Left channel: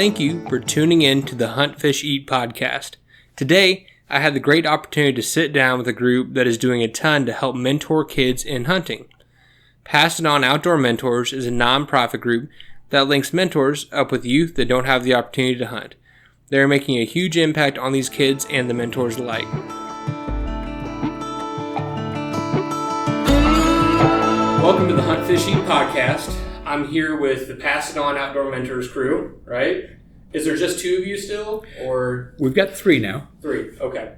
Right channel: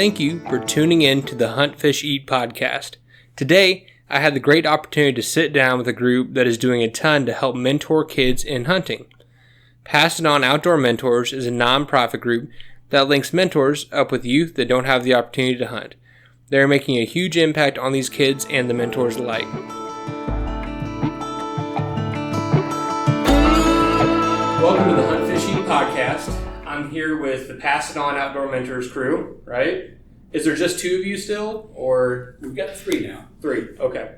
Thank you for tuning in to the Hunt, Fish, Eat podcast. Today, I had the great opportunity to sit down with a group that is doing a ton to help mentor kids in hunting. Pass It On Outdoor Mentors is a nonprofit group that links mentors up with youth that don't have the opportunity to hunt. They are making a huge impact on these kids and the mentors alike. Welcome to the Hunt, Fish, Eat podcast. I'm here with the Pass It On Outdoor Mentors crew, right? Is there just two of you still, or? We've got three now. Three, okay.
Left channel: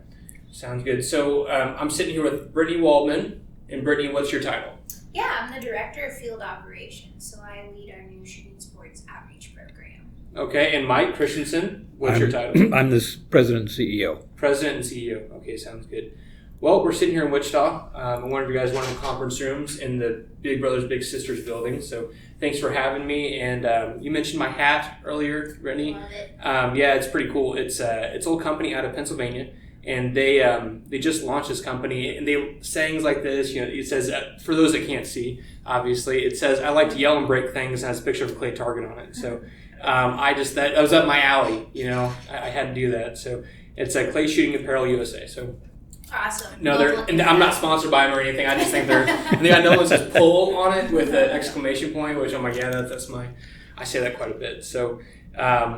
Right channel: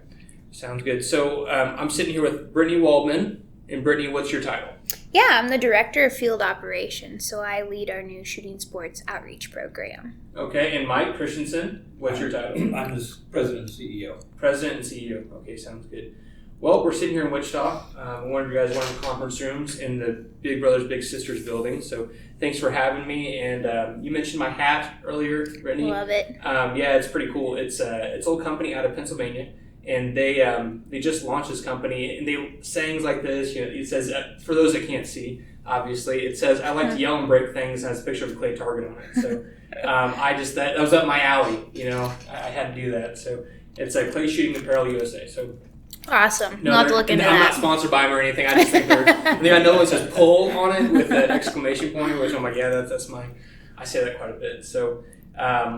Sounds good. So I'm sitting here with Brittany Waldman. And Brittany, what's your title? Yeah, I'm the Director of Field Operations, so I lead our new shooting sports outreach program. Okay, and Mike Christensen, what's your title? I'm the President and CEO. President and CEO. Okay, sounds good. Well, we're sitting here in Wichita. One of you guys went in the conference rooms in the Big Brothers Big Sisters building, so thanks for having me. And you mentioned my hat earlier, Brittany. Love it. Yeah, it's pretty cool. It's an old company out of Pennsylvania, and they just launched this company, and they sayings like this. You know, it says, for those that can't see, obviously, it says, "I like to yell and break things," and has a picture of a clay target on it. So that was up my alley. You know, I had to do that. So it's a Clay Shooting Apparel USA. So. Awesome. No, I'm not sponsored by them or anything. I just think I know it says "pull" on it with an exclamation point, which I'm like, yeah, that's I say that quite a bit. So,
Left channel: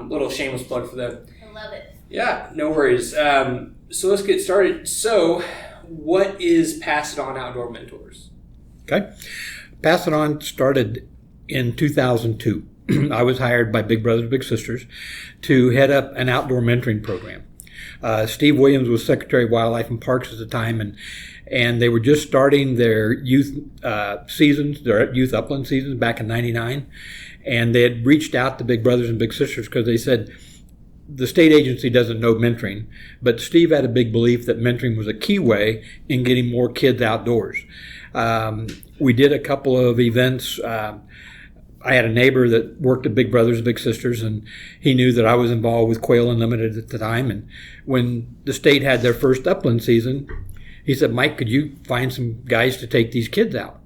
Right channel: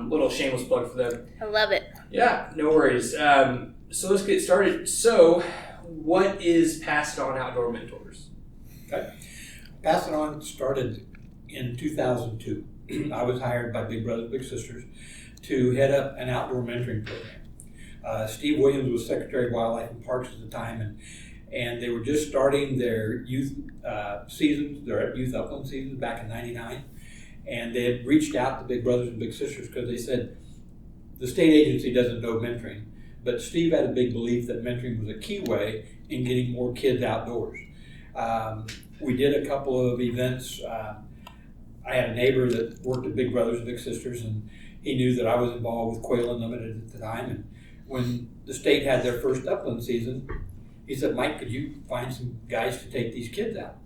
little shameless plug for them. I love it. Yeah, no worries. So let's get started. So, what is Pass It On Outdoor Mentors? Okay. Pass It On started in 2002. I was hired by Big Brothers Big Sisters to head up an outdoor mentoring program. Steve Williams was Secretary of Wildlife and Parks at the time, and they were just starting their youth seasons, their youth upland seasons back in '99, and they had reached out to Big Brothers and Big Sisters because they said the state agency doesn't know mentoring, but Steve had a big belief that mentoring was a key way in getting more kids outdoors. We did a couple of events. I had a neighbor that worked at Big Brothers Big Sisters, and he knew that I was involved with Quail Unlimited at the time. And when the state had their first upland season, he said, "Mike, could you find some guys to take these kids out?"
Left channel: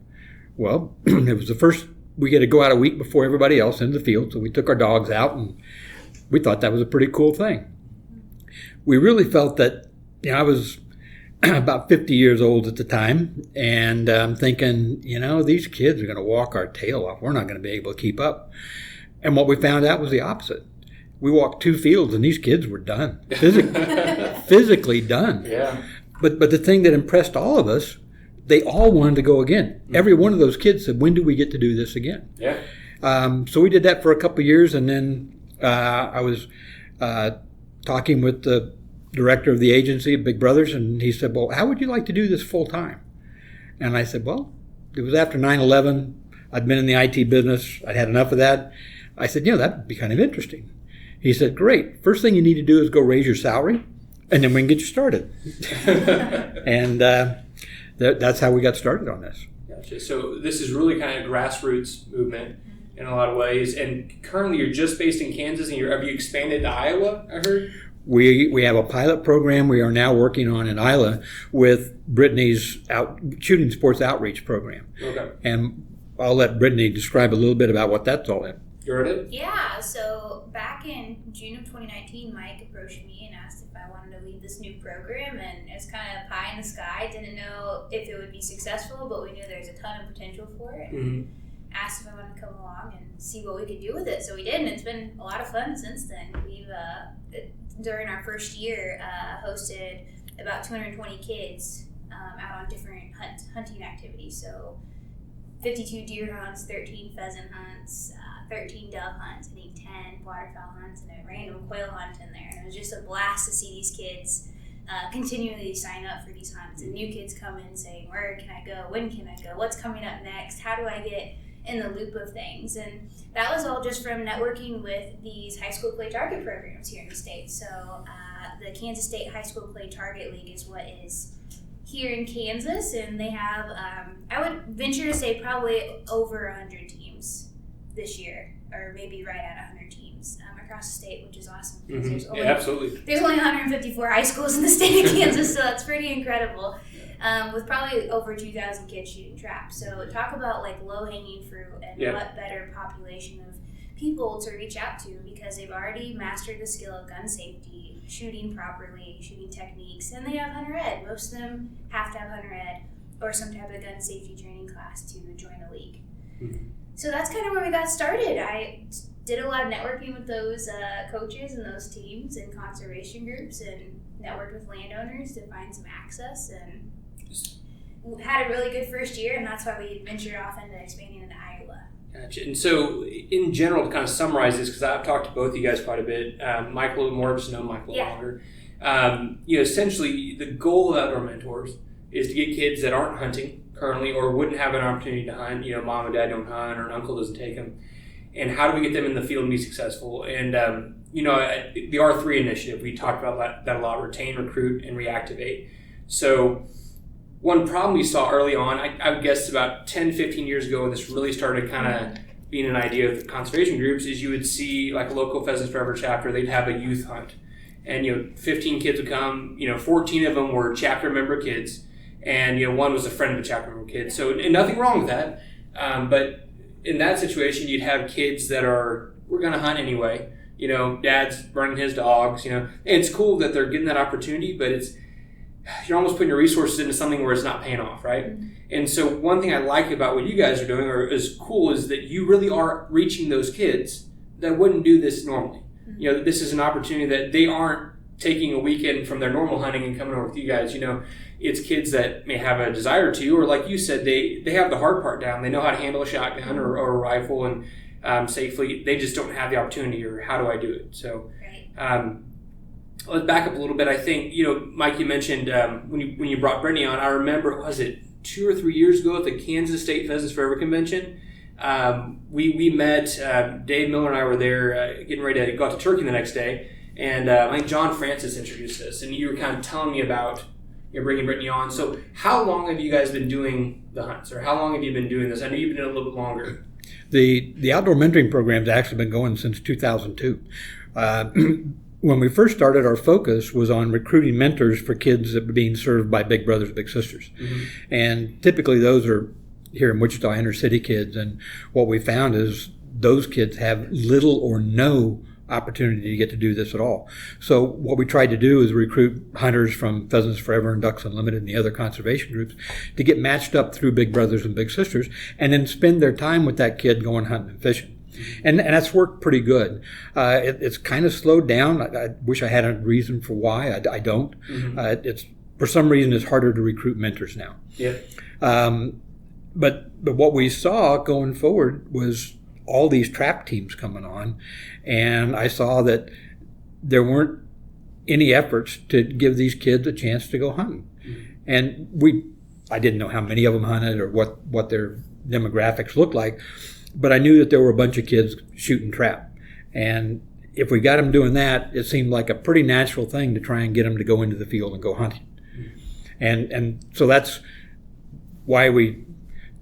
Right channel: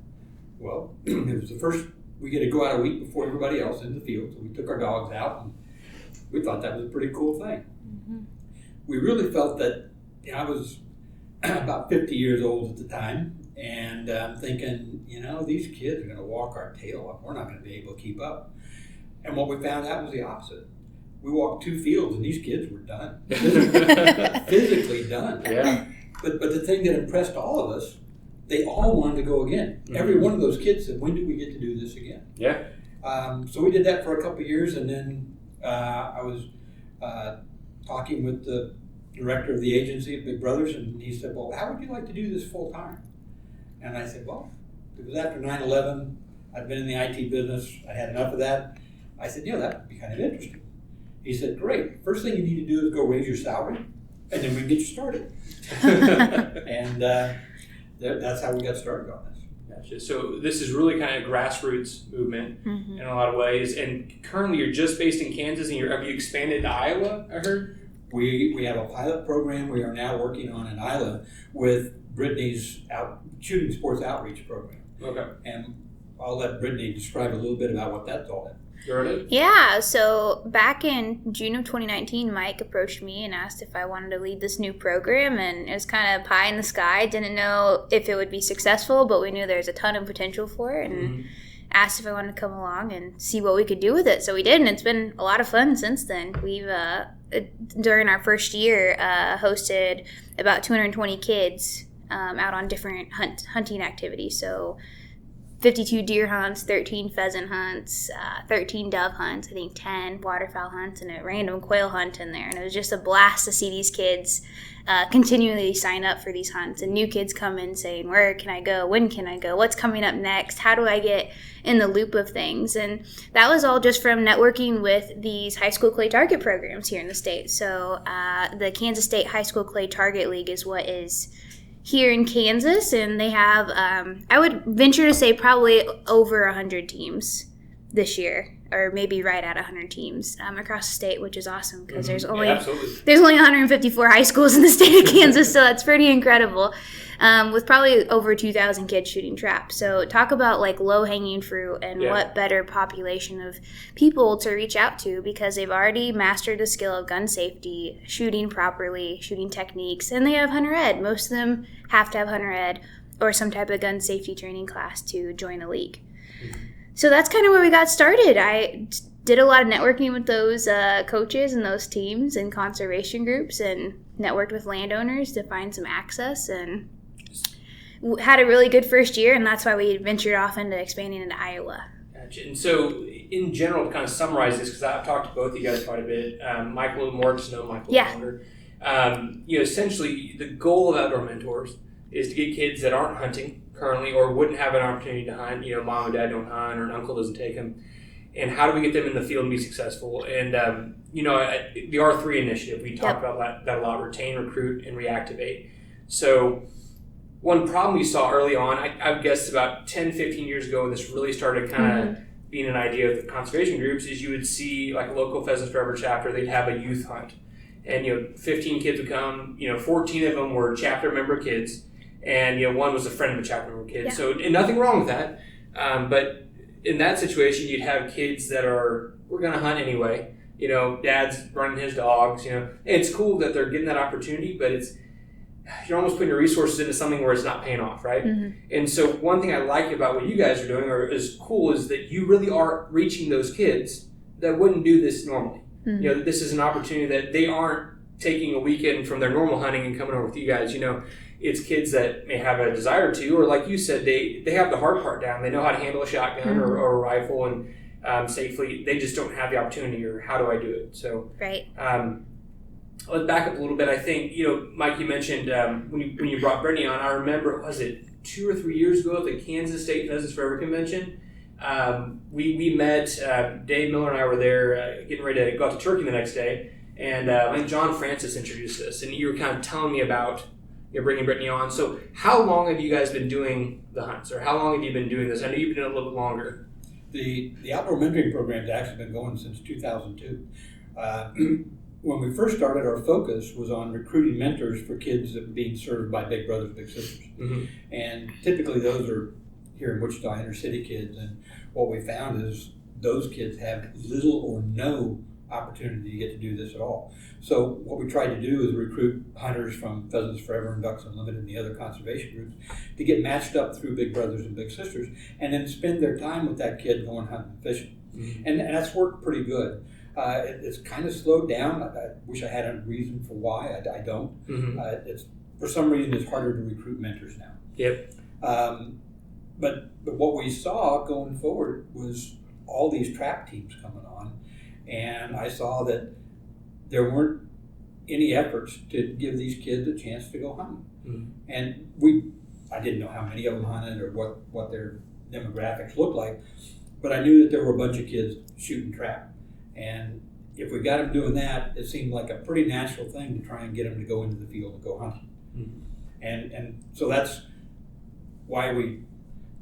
Well, it was the first, we had to go out a week before everybody else in the field, so we took our dogs out, and we thought that was a pretty cool thing. Mm-hmm. We really felt that, I was about 50 years old at the time, and I'm thinking, these kids are going to walk our tail off. We're not going to be able to keep up. And what we found out was the opposite. We walked 2 fields, and these kids were done, physically done. Yeah. But the thing that impressed all of us, they all wanted to go again. Mm-hmm. Every one of those kids said, "When do we get to do this again?" Yeah. So we did that for a couple of years, and then I was talking with the director of the agency at Big Brothers, and he said, "Well, how would you like to do this full time?" And I said, "Well, it was after 9/11. I'd been in the IT business. I'd had enough of that." I said, "That would be kind of interesting." He said, "Great. First thing you need to do is go raise your salary, and then we can get you started." And that's how we got started on this. Gotcha. So this is really kind of a grassroots movement in a lot of ways. And currently you're just based in Kansas, and have you expanded to Iowa, I heard? We have a pilot program we are now working on in Iowa with Brittany's shooting sports outreach program. Okay. And I'll let Brittany describe a little bit about what that's all in. You heard it? Yeah, so back in June of 2019, Mike approached me and asked if I wanted to lead this new program, and it was kind of pie in the sky. Didn't know if it would be successful, but we knew there's a ton of potential for it, and asked if I wanted to come along and see what we could do with it. So we did, and it's been a lot of fun since then. We've, during our first year, hosted about 220 kids out on different hunting activities. So 52 deer hunts, 13 pheasant hunts, 13 dove hunts, I think 10 waterfowl hunts, and a random quail hunt in there. And it was just a blast to see these kids continually sign up for these hunts, and new kids come in saying, "Where can I go? When can I go? What's coming up next? How do I get in the loop of things?" And that was all just from networking with these high school clay target programs here in the state. So the Kansas State High School Clay Target League is what is here in Kansas, and they have, I would venture to say, probably over 100 teams this year, or maybe right at 100 teams across the state, which is awesome because there's only 154 high schools in the state of Kansas, so that's pretty incredible. With probably over 2,000 kids shooting trap. So talk about like low-hanging fruit and what better population of people to reach out to because they've already mastered the skill of gun safety, shooting properly, shooting techniques, and they have hunter ed. Most of them have to have hunter ed or some type of gun safety training class to join a league. So that's kind of where we got started. I did a lot of networking with those coaches and those teams and conservation groups and networked with landowners to find some access and had a really good first year, and that's why we ventured off into expanding into Iowa. Gotcha. And so, in general, to kind of summarize this, because I've talked to both of you guys quite a bit, Mike a little more, just know Mike a little longer. Essentially, the goal of Outdoor Mentors is to get kids that aren't hunting currently or wouldn't have an opportunity to hunt. Mom and dad don't hunt, or an uncle doesn't take them. And how do we get them in the field and be successful? And, the R3 initiative, we talked about that a lot, retain, recruit, and reactivate. So, one problem we saw early on, I guess about 10, 15 years ago when this really started kind of being an idea of conservation groups, is you would see like a local Pheasants Forever chapter, they'd have a youth hunt. And, 15 kids would come, 14 of them were chapter member kids, and, one was a friend of a chapter member kid. Yeah. So, and nothing wrong with that. But in that situation, you'd have kids that we're going to hunt anyway. Dad's running his dogs, and it's cool that they're getting that opportunity, but you're almost putting your resources into something where it's not paying off, right? And so one thing I like about what you guys are doing, or is cool, is that you really are reaching those kids that wouldn't do this normally. This is an opportunity that they aren't taking a weekend from their normal hunting and coming over with you guys. It's kids that may have a desire to, or like you said, they have the hard part down. They know how to handle a shotgun or a rifle and safely. They just don't have the opportunity, or how do I do it? So, right. Let's back up a little bit. I think, Mike, you mentioned when you brought Brittany on, I remember, was it 2 or 3 years ago at the Kansas State Pheasants Forever Convention? We met, Dave Miller and I were there getting ready to go out to Turkey the next day, and I think John Francis introduced us, and you were kind of telling me about bringing Brittany on. So how long have you guys been doing the hunts, or how long have you been doing this? I know you've been doing it a little bit longer. The outdoor mentoring program's actually been going since 2002. When we first started, our focus was on recruiting mentors for kids that were being served by Big Brothers, Big Sisters. And typically those are here in Wichita inner city kids. And what we found is those kids have little or no opportunity to get to do this at all. So what we tried to do is recruit hunters from Pheasants Forever and Ducks Unlimited and the other conservation groups to get matched up through Big Brothers and Big Sisters, and then spend their time with that kid going hunting and fishing. And that's worked pretty good. It's kind of slowed down. I wish I had a reason for why. I don't. It's for some reason it's harder to recruit mentors now. But what we saw going forward was all these trap teams coming on, and I saw that there weren't any efforts to give these kids a chance to go hunting. And I didn't know how many of them hunted or what their demographics looked like. But I knew that there were a bunch of kids shooting trap. And if we got them doing that, it seemed like a pretty natural thing to try and get them to go into the field and go hunting. And so that's why we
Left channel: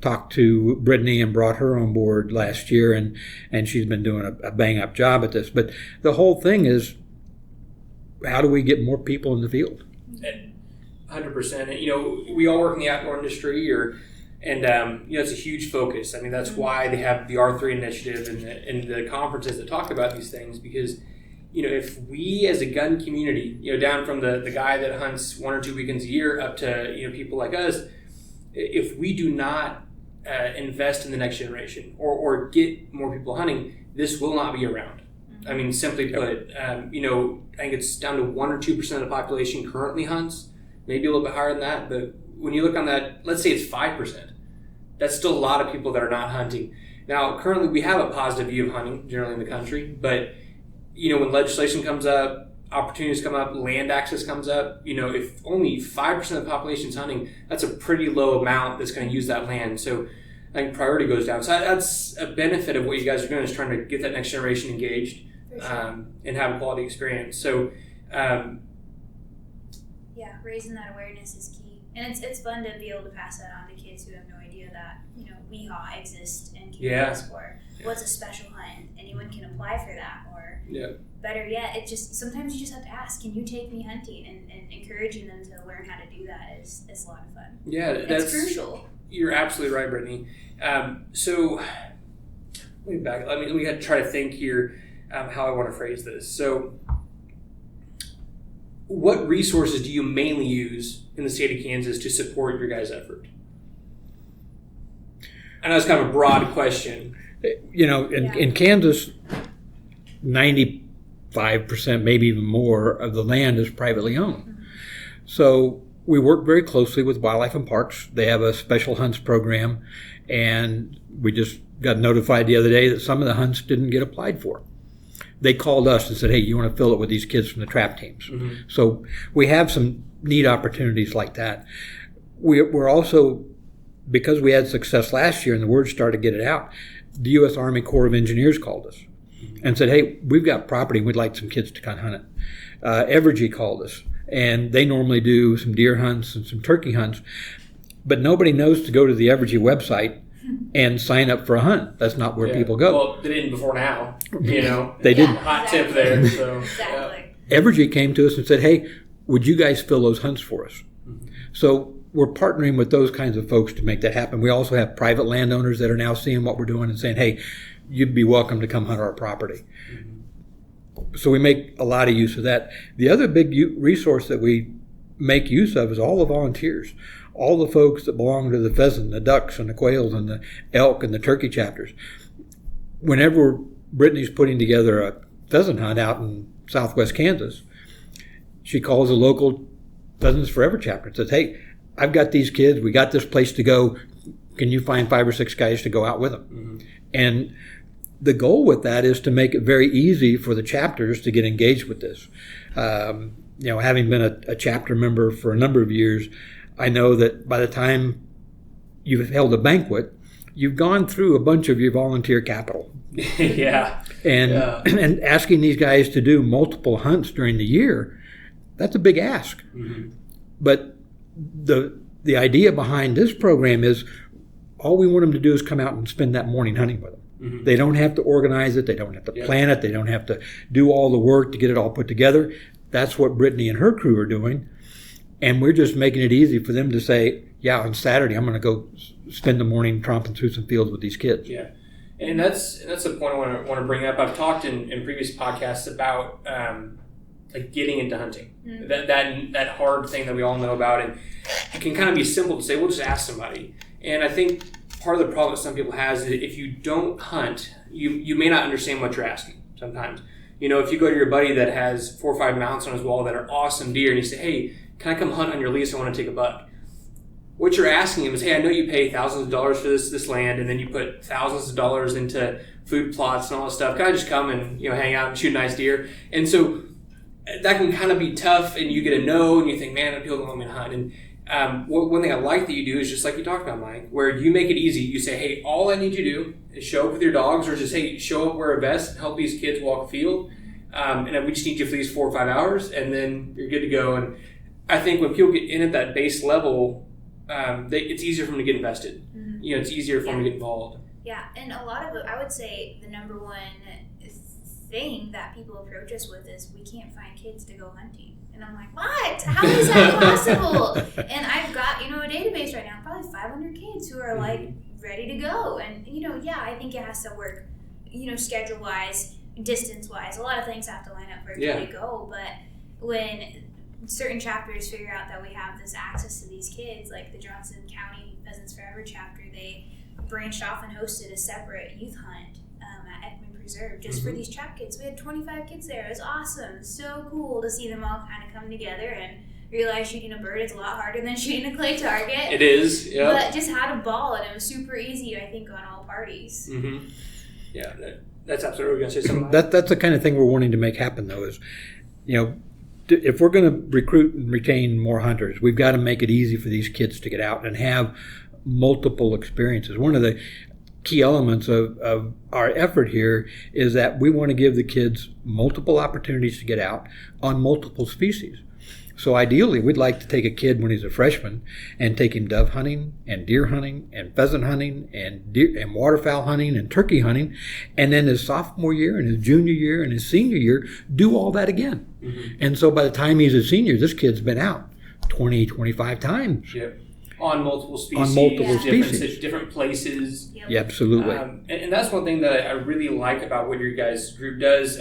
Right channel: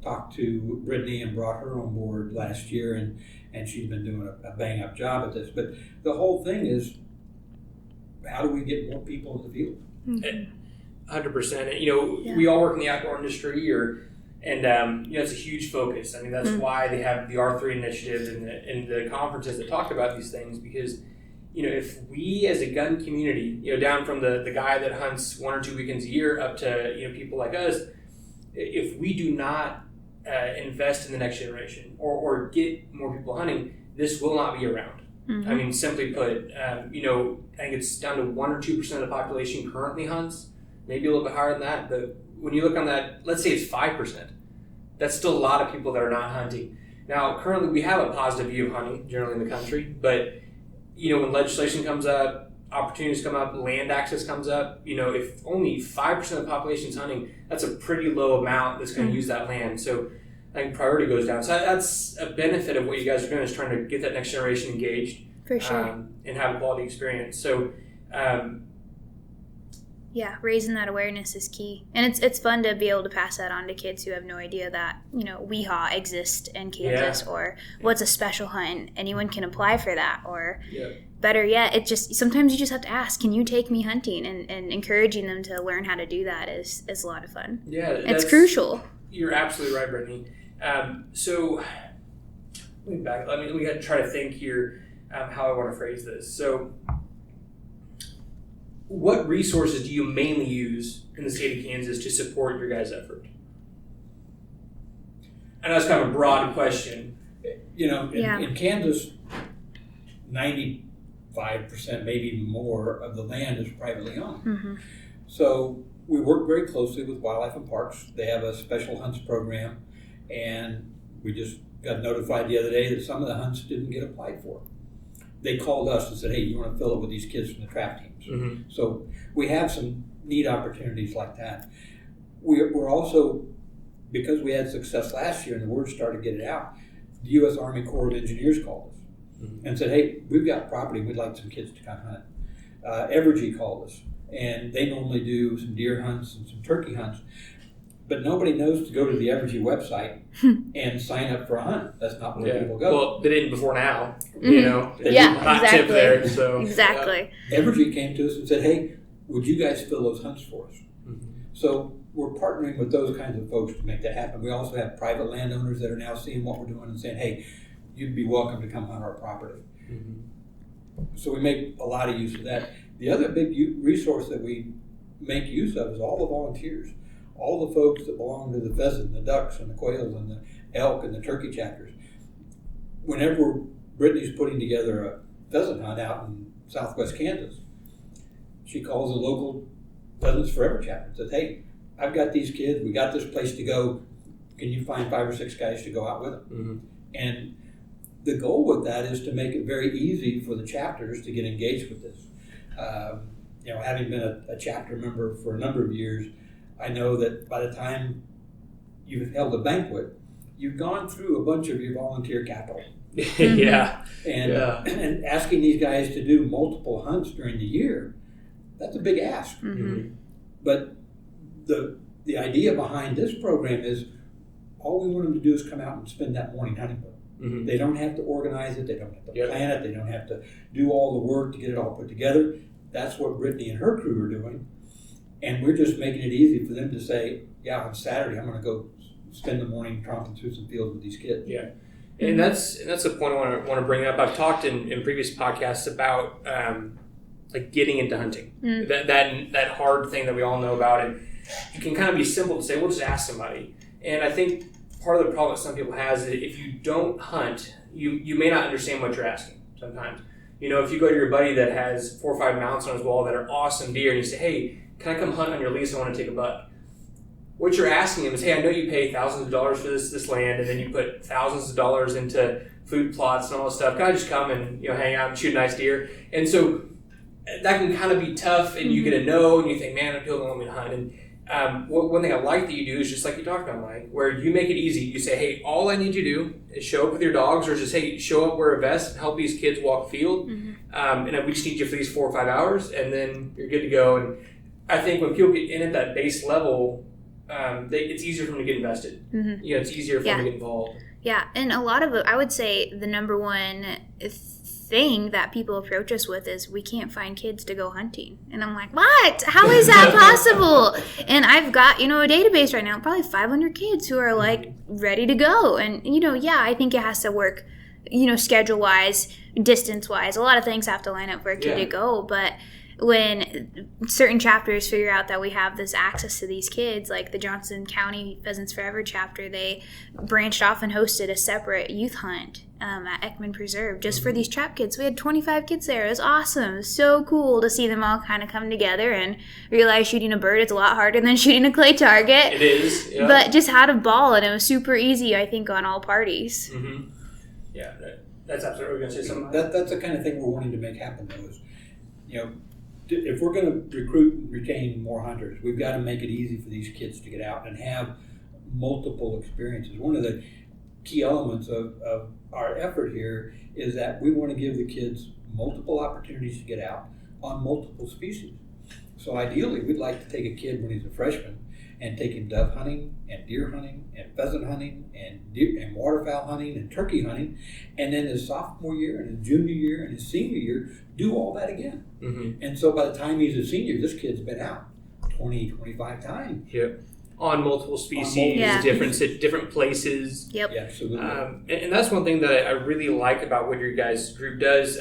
talked to Brittany and brought her on board last year. And she's been doing a bang-up job at this. But the whole thing is, how do we get more people in the field? 100%. We all work in the outdoor industry, and it's a huge focus. I mean, that's why they have the R3 initiative and the conferences that talk about these things, because, if we as a gun community, down from the guy that hunts 1 or 2 weekends a year up to, people like us, if we do not invest in the next generation or get more people hunting, this will not be around. I mean, simply put, I think it's down to 1 or 2% of the population currently hunts, maybe a little bit higher than that, but when you look on that, let's say it's 5%. That's still a lot of people that are not hunting. Now, currently we have a positive view of hunting generally in the country, but, when legislation comes up, opportunities come up, land access comes up, if only 5% of the population is hunting, that's a pretty low amount that's going to use that land. So I think priority goes down. So that's a benefit of what you guys are doing, is trying to get that next generation engaged. For sure. And have a quality experience. So, Yeah, raising that awareness is key. And it's fun to be able to pass that on to kids who have no idea that, WEHA exists in Kansas, or what's a special hunt, and anyone can apply for that. Or better yet, it just sometimes you just have to ask, can you take me hunting? And encouraging them to learn how to do that is a lot of fun. Yeah, it's crucial. You're absolutely right, Brittany. So let me back. We got to try to think here how I want to phrase this. So, what resources do you mainly use in the state of Kansas to support your guys' effort? I know it's kind of a broad question. In Kansas, 95%, maybe even more, of the land is privately owned. Mm-hmm. So we work very closely with Wildlife and Parks. They have a special hunts program, and we just got notified the other day that some of the hunts didn't get applied for. They called us and said, hey, you want to fill it with these kids from the trap teams? Mm-hmm. So we have some neat opportunities like that. We're also, because we had success last year and the word started to get it out, the U.S. Army Corps of Engineers called us and said, hey, we've got property, we'd like some kids to come hunt it. Evergy called us, and they normally do some deer hunts and some turkey hunts, but nobody knows to go to the Evergy website and sign up for a hunt. That's not where people go. Well, they didn't before now. They didn't. Hot tip there. So exactly. Evergy came to us and said, hey, would you guys fill those hunts for us? Mm-hmm. So we're partnering with those kinds of folks to make that happen. We also have private landowners that are now seeing what we're doing and saying, hey, you'd be welcome to come hunt our property. Mm-hmm. So we make a lot of use of that. The other big resource that we make use of is all the volunteers. All the folks that belong to the pheasant, the ducks, and the quails, and the elk, and the turkey chapters. Whenever Brittany's putting together a pheasant hunt out in southwest Kansas, she calls a local Pheasants Forever chapter and says, hey, I've got these kids, we got this place to go, can you find 5 or 6 guys to go out with them? Mm-hmm. And the goal with that is to make it very easy for the chapters to get engaged with this. Having been a chapter member for a number of years, I know that by the time you've held a banquet, you've gone through a bunch of your volunteer capital. And asking these guys to do multiple hunts during the year, that's a big ask. Mm-hmm. But the idea behind this program is all we want them to do is come out and spend that morning hunting with them. Mm-hmm. They don't have to organize it. They don't have to plan it. They don't have to do all the work to get it all put together. That's what Brittany and her crew are doing. And we're just making it easy for them to say, yeah, on Saturday I'm going to go spend the morning tromping through some fields with these kids. Yeah, and that's a point I want to bring up. I've talked in previous podcasts about like getting into hunting, that hard thing that we all know about, and it can kind of be simple to say, we'll just ask somebody. And I think part of the problem that some people has is if you don't hunt, you may not understand what you're asking sometimes. If you go to your buddy that has 4 or 5 mounts on his wall that are awesome deer, and you say, hey, can I come hunt on your lease? I want to take a buck. What you're asking him is, hey, I know you pay thousands of dollars for this land, and then you put thousands of dollars into food plots and all this stuff. Can I just come and hang out and shoot a nice deer? And so that can kind of be tough, and you get a no, and you think, man, people don't want me to hunt. And one thing I like that you do is just like you talked about, Mike, where you make it easy. You say, hey, all I need you to do is show up with your dogs, or just, hey, show up, wear a vest, and help these kids walk the field. Mm-hmm. And we just need you for these 4 or 5 hours, and then you're good to go. And I think when people get in at that base level, it's easier for them to get invested. Mm-hmm. It's easier for them to get involved. Yeah, and a lot of it, I would say the number one thing that people approach us with is we can't find kids to go hunting. And I'm like, what? How is that possible? And I've got, a database right now, probably 500 kids who are like ready to go. And, I think it has to work, schedule-wise, distance-wise. A lot of things have to line up for a kid to go, but when certain chapters figure out that we have this access to these kids, like the Johnson County Pheasants Forever chapter, they branched off and hosted a separate youth hunt at Ekman Preserve just for these trap kids. We had 25 kids there. It was awesome. It was so cool to see them all kind of come together and realize shooting a bird is a lot harder than shooting a clay target. It is, yeah. But just had a ball, and it was super easy, I think, on all parties. Mm-hmm. Yeah, that's absolutely what we're going to say something. That's the kind of thing we're wanting to make happen, though, is, if we're going to recruit and retain more hunters, we've got to make it easy for these kids to get out and have multiple experiences. One of the key elements of our effort here is that we want to give the kids multiple opportunities to get out on multiple species. So ideally, we'd like to take a kid when he's a freshman and take him dove hunting and deer hunting and pheasant hunting and waterfowl hunting and turkey hunting, and then his sophomore year and his junior year and his senior year do all that again. Mm-hmm. And so by the time he's a senior, this kid's been out 20, 25 times. Yep. On multiple species, different places. Yep. Yeah, absolutely. And that's one thing that I really like about what your guys' group does,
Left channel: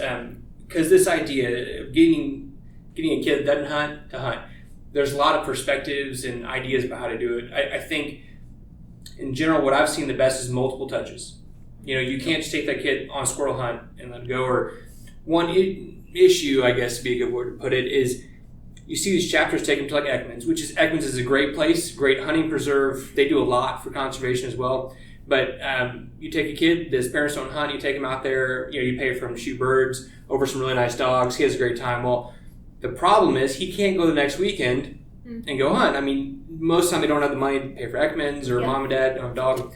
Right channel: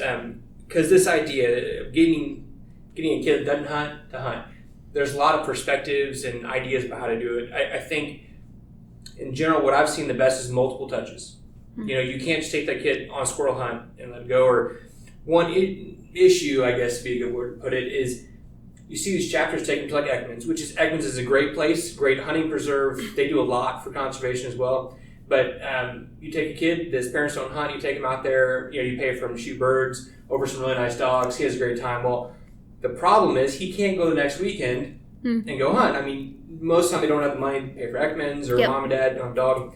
because this idea of getting a kid that doesn't hunt to hunt, there's a lot of perspectives and ideas about how to do it. I think, in general, what I've seen the best is multiple touches. Mm-hmm. You can't just take that kid on a squirrel hunt and let it go. Or one issue, I guess, to be a good word to put it, is you see these chapters taken to like Ekman's, Ekman's is a great place, great hunting preserve. They do a lot for conservation as well. But you take a kid, his parents don't hunt, you take him out there, you pay for him to shoot birds over some really nice dogs. He has a great time. Well, the problem is he can't go the next weekend and go hunt. I mean, most of the time they don't have the money to pay for Ekman's or mom and dad don't have a dog.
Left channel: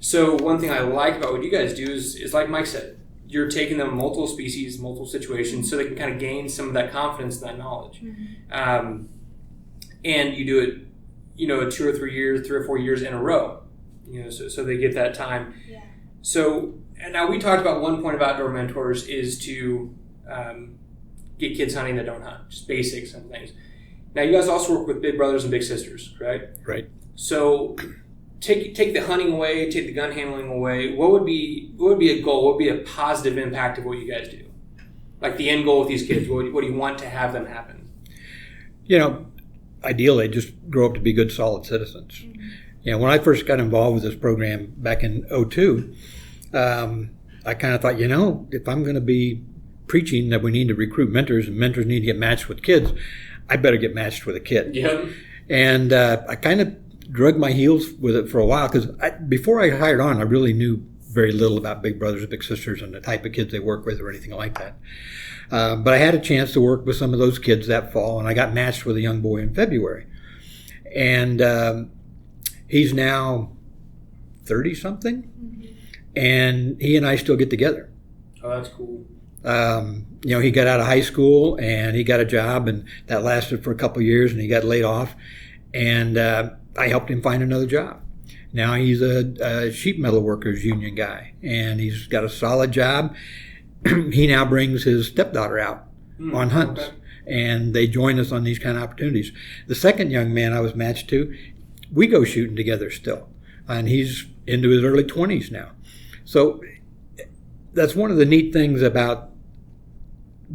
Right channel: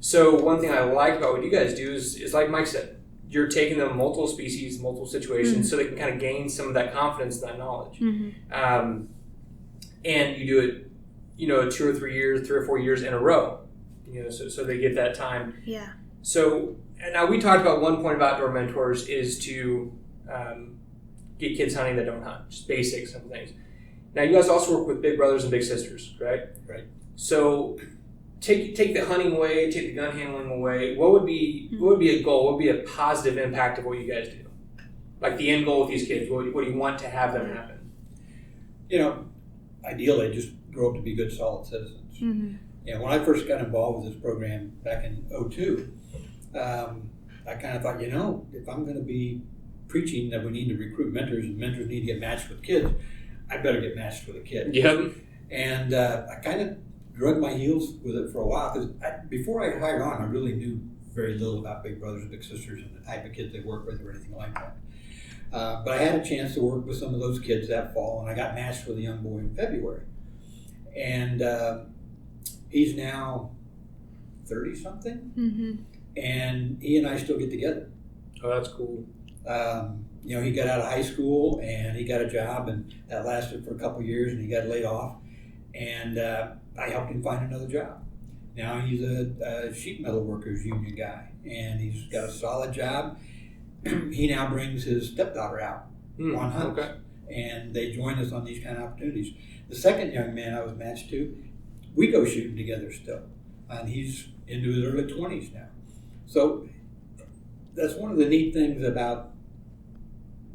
So one thing I like about what you guys do is like Mike said, you're taking them multiple species, multiple situations, so they can kind of gain some of that confidence and that knowledge. Mm-hmm. And you do it, 2 or 3 years, 3 or 4 years in a row, so they get that time. Yeah. So, and now we talked about one point of outdoor mentors is to get kids hunting that don't hunt, just basics and things. Now, you guys also work with big brothers and big sisters, right? Right. So, take the hunting away, take the gun handling away. What would be a goal? What would be a positive impact of what you guys do? Like the end goal with these kids. What do you want to have them happen? Ideally, just grow up to be good, solid citizens. Mm-hmm. When I first got involved with this program back in 2002, I kind of thought, if I'm going to be preaching that we need to recruit mentors and mentors need to get matched with kids, I better get matched with a kid. Yeah. And I kind of drug my heels with it for a while because before I hired on, I really knew very little about big brothers and big sisters and the type of kids they work with or anything like that. But I had a chance to work with some of those kids that fall, and I got matched with a young boy in February. And he's now 30-something, mm-hmm. and he and I still get together. Oh, that's cool. He got out of high school, and he got a job, and that lasted for a couple of years, and he got laid off. And I helped him find another job. Now he's a sheet metal workers union guy, and he's got a solid job. He now brings his stepdaughter out on hunts, and they join us on these kind of opportunities. The second young man I was matched to, we go shooting together still, and he's into his early 20s now. So that's one of the neat things about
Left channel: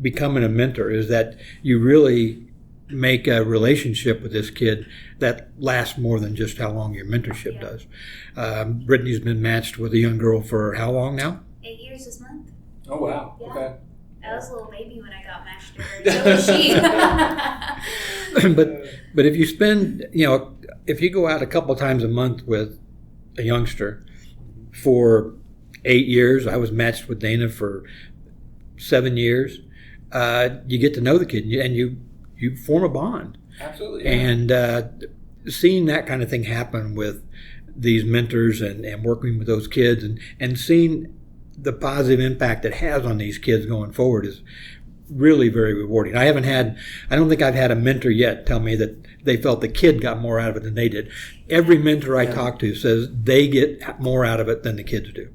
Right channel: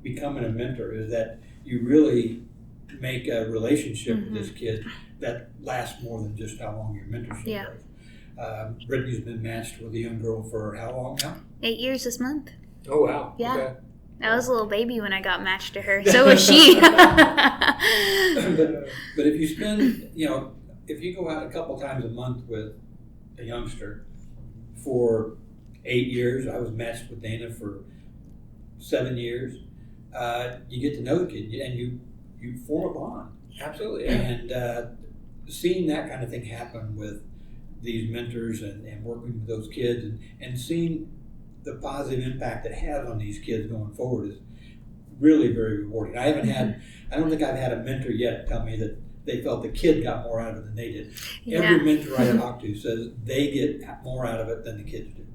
becoming a mentor is that you really make a relationship with this kid that lasts more than just how long your mentorship does. Brittany's been matched with a young girl for how long now? 8 years this month. Oh, wow. Yeah. Okay. I was a little baby when I got matched to her. So was she. But if you spend, if you go out a couple times a month with a youngster for 8 years, I was matched with Dana for 7 years, you get to know the kid and you form a bond. Absolutely. Yeah. And seeing that kind of thing happen with these mentors and working with those kids and seeing the positive impact it has on these kids going forward is really very rewarding. I don't think I've had a mentor yet tell me that they felt the kid got more out of it than they did. Yeah. Every mentor I talk to says they get more out of it than the kids do.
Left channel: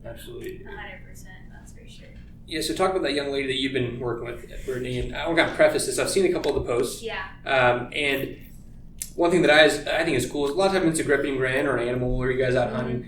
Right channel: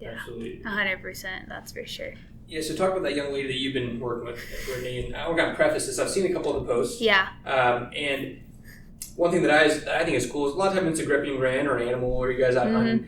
Yeah, absolutely. 100%, that's for sure. Yeah, so talk about that young lady that you've been working with, Brittany, and I'm going to preface this. I've seen a couple of the posts. Yeah. And one thing that I think is cool is a lot of times it's a gripping grin or an animal or you guys out hunting.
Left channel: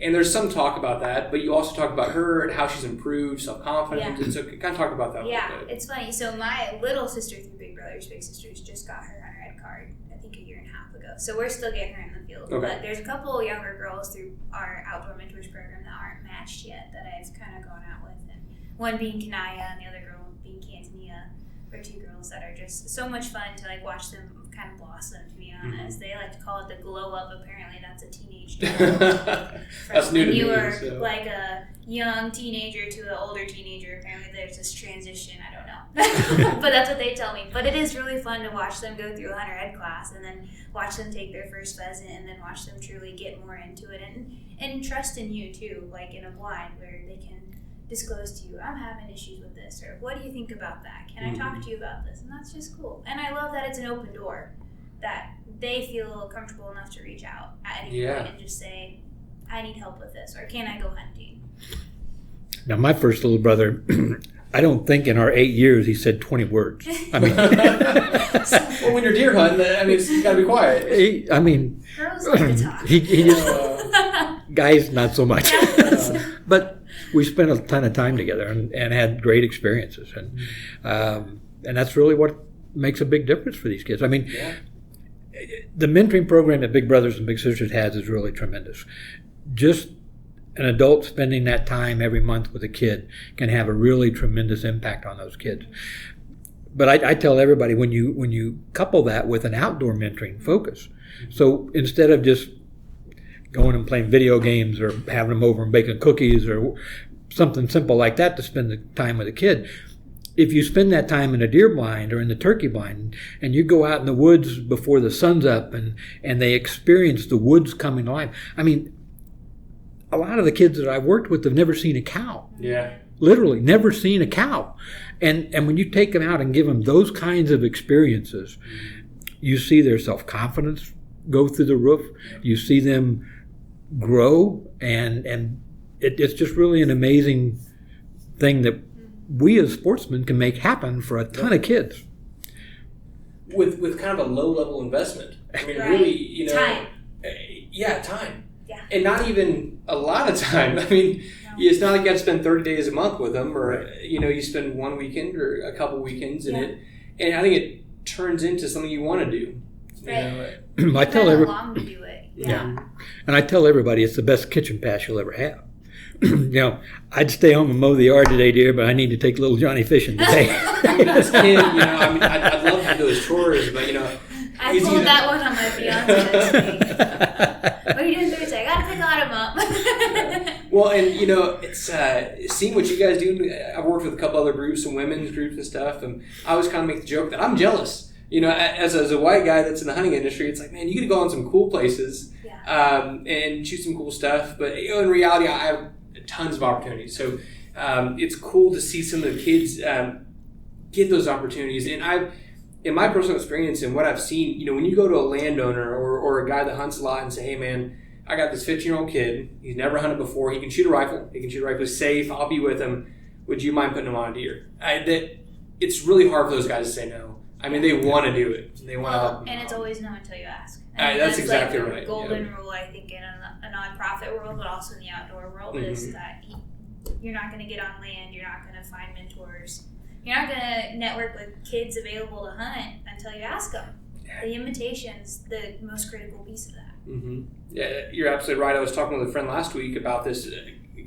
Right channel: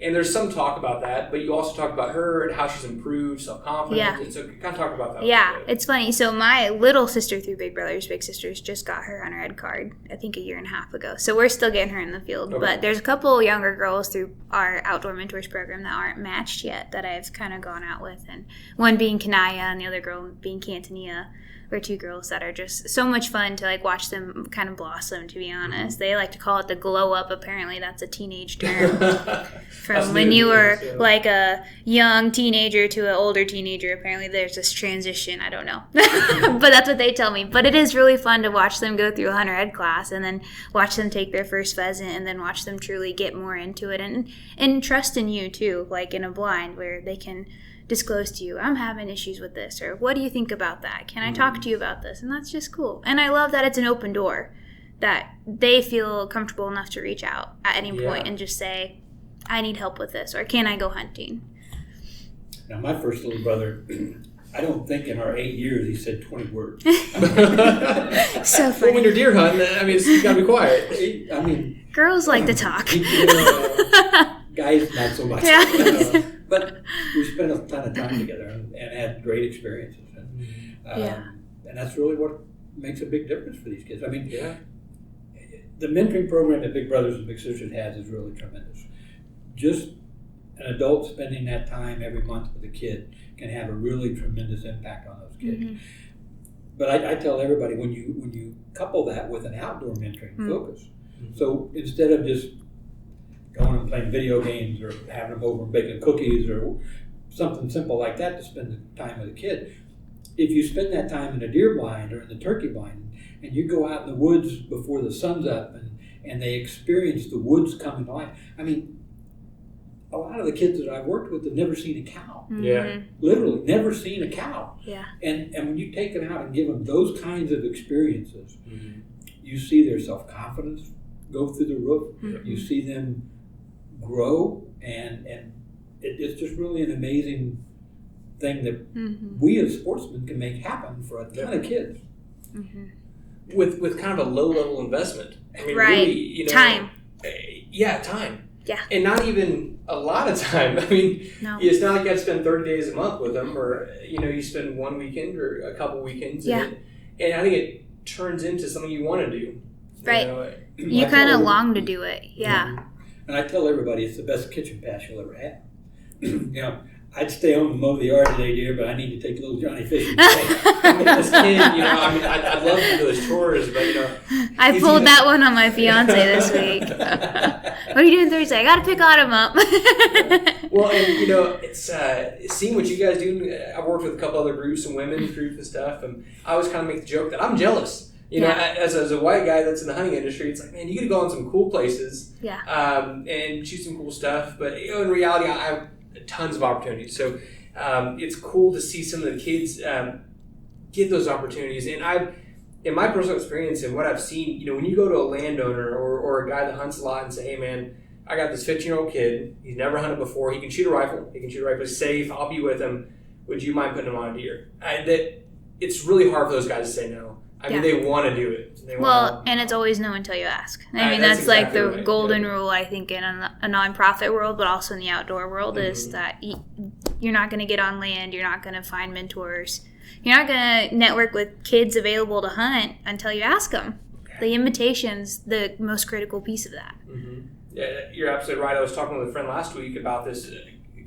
And there's some talk about that, but you also talk about her and how she's improved, self-confidence. Yeah. And so kind of talk about that. Yeah, it's funny. So my little sister through Big Brothers Big Sisters just got her hunter ed card, I think a year and a half ago. So we're still getting her in the field. Okay. But there's a couple younger girls through our Outdoor Mentors program that aren't matched yet that I've kind of gone out with. And one being Kanaya and the other girl being Cantonia. Or two girls that are just so much fun to watch them kind of blossom, to be honest. Mm-hmm. They like to call it the glow up. Apparently that's a teenage term. From when you were like a young teenager to an older teenager, apparently there's this transition. I don't know. But that's what they tell me. But it is really fun to watch them go through a hunter ed class and then watch them take their first pheasant and then watch them truly get more into it and trust in you too, like in a blind where they can disclose to you, I'm having issues with this, or what do you think about that? Can I talk to you about this? And that's just cool. And I love that it's an open door, that they feel comfortable enough to reach out at any point and just say, I need help with this, or can I go hunting? Now, my first little brother, I don't think in our 8 years he said 20 words. I mean, So Well, when you're deer hunting, I mean, you got to be quiet. I mean, girls like to talk. Guys, not so much. Yeah. But we spent a ton of time together and had great experiences. And that's really what makes a big difference for these kids. I mean, the mentoring program that Big Brothers and Big Sisters has is really tremendous. Just an adult spending that time every month with a kid can have a really tremendous impact on those kids. But I tell everybody, when you couple that with an outdoor mentoring focus, so instead of just going and playing video games or having them over and baking cookies or something simple like that to spend the time with a kid, if you spend that time in a deer blind or in the turkey blind and you go out in the woods before the sun's up and they experience the woods coming to life. I mean, a lot of the kids that I've worked with have never seen a cow. Literally, never seen a cow. And when you take them out and give them those kinds of experiences, you see their self-confidence go through the roof. You see them grow, and it's just really an amazing thing that we as sportsmen can make happen for a ton of kids. With kind of a low level investment. I mean, Right. really, Time. Time. Yeah. And not even a lot of time. I mean, it's not like you have to spend 30 days a month with them, or you spend one weekend or a couple weekends in it. And I think it turns into something you want to do. Right. You kind of long to do it. Yeah. And I tell everybody it's the best kitchen pass you'll ever have. I'd stay home and mow the yard today, dear, but I need to take little Johnny fishing today. As a kid, I'd love to do those chores, but I pulled that one on my fiance this week. What are you doing Thursday? I got to pick Autumn up. Well, and it's seeing what you guys do. I've worked with a couple other groups, some women's groups and stuff, and I always kind of make the joke that I'm jealous. As a white guy that's in the hunting industry, it's like, man, you get to go on some cool places, and shoot some cool stuff. But in reality, I have tons of opportunities. So it's cool to see some of the kids get those opportunities. And in my personal experience and what I've seen, when you go to a landowner or a guy that hunts a lot and say, hey, man, I got this 15-year-old kid. He's never hunted before. He can shoot a rifle. He can shoot a rifle. He's safe. I'll be with him. Would you mind putting him on a deer? It's really hard for those guys to say no. I mean, they want to do it. And it's always no until you ask. I mean, that's exactly like the golden rule, I think, in a nonprofit world, but also in the outdoor world, is that you're not going to get on land. You're not going to find mentors. You're not going to network with kids available to hunt until you ask them. The invitation's the most critical piece of that. Yeah, you're absolutely right. I was talking with a friend last week about this.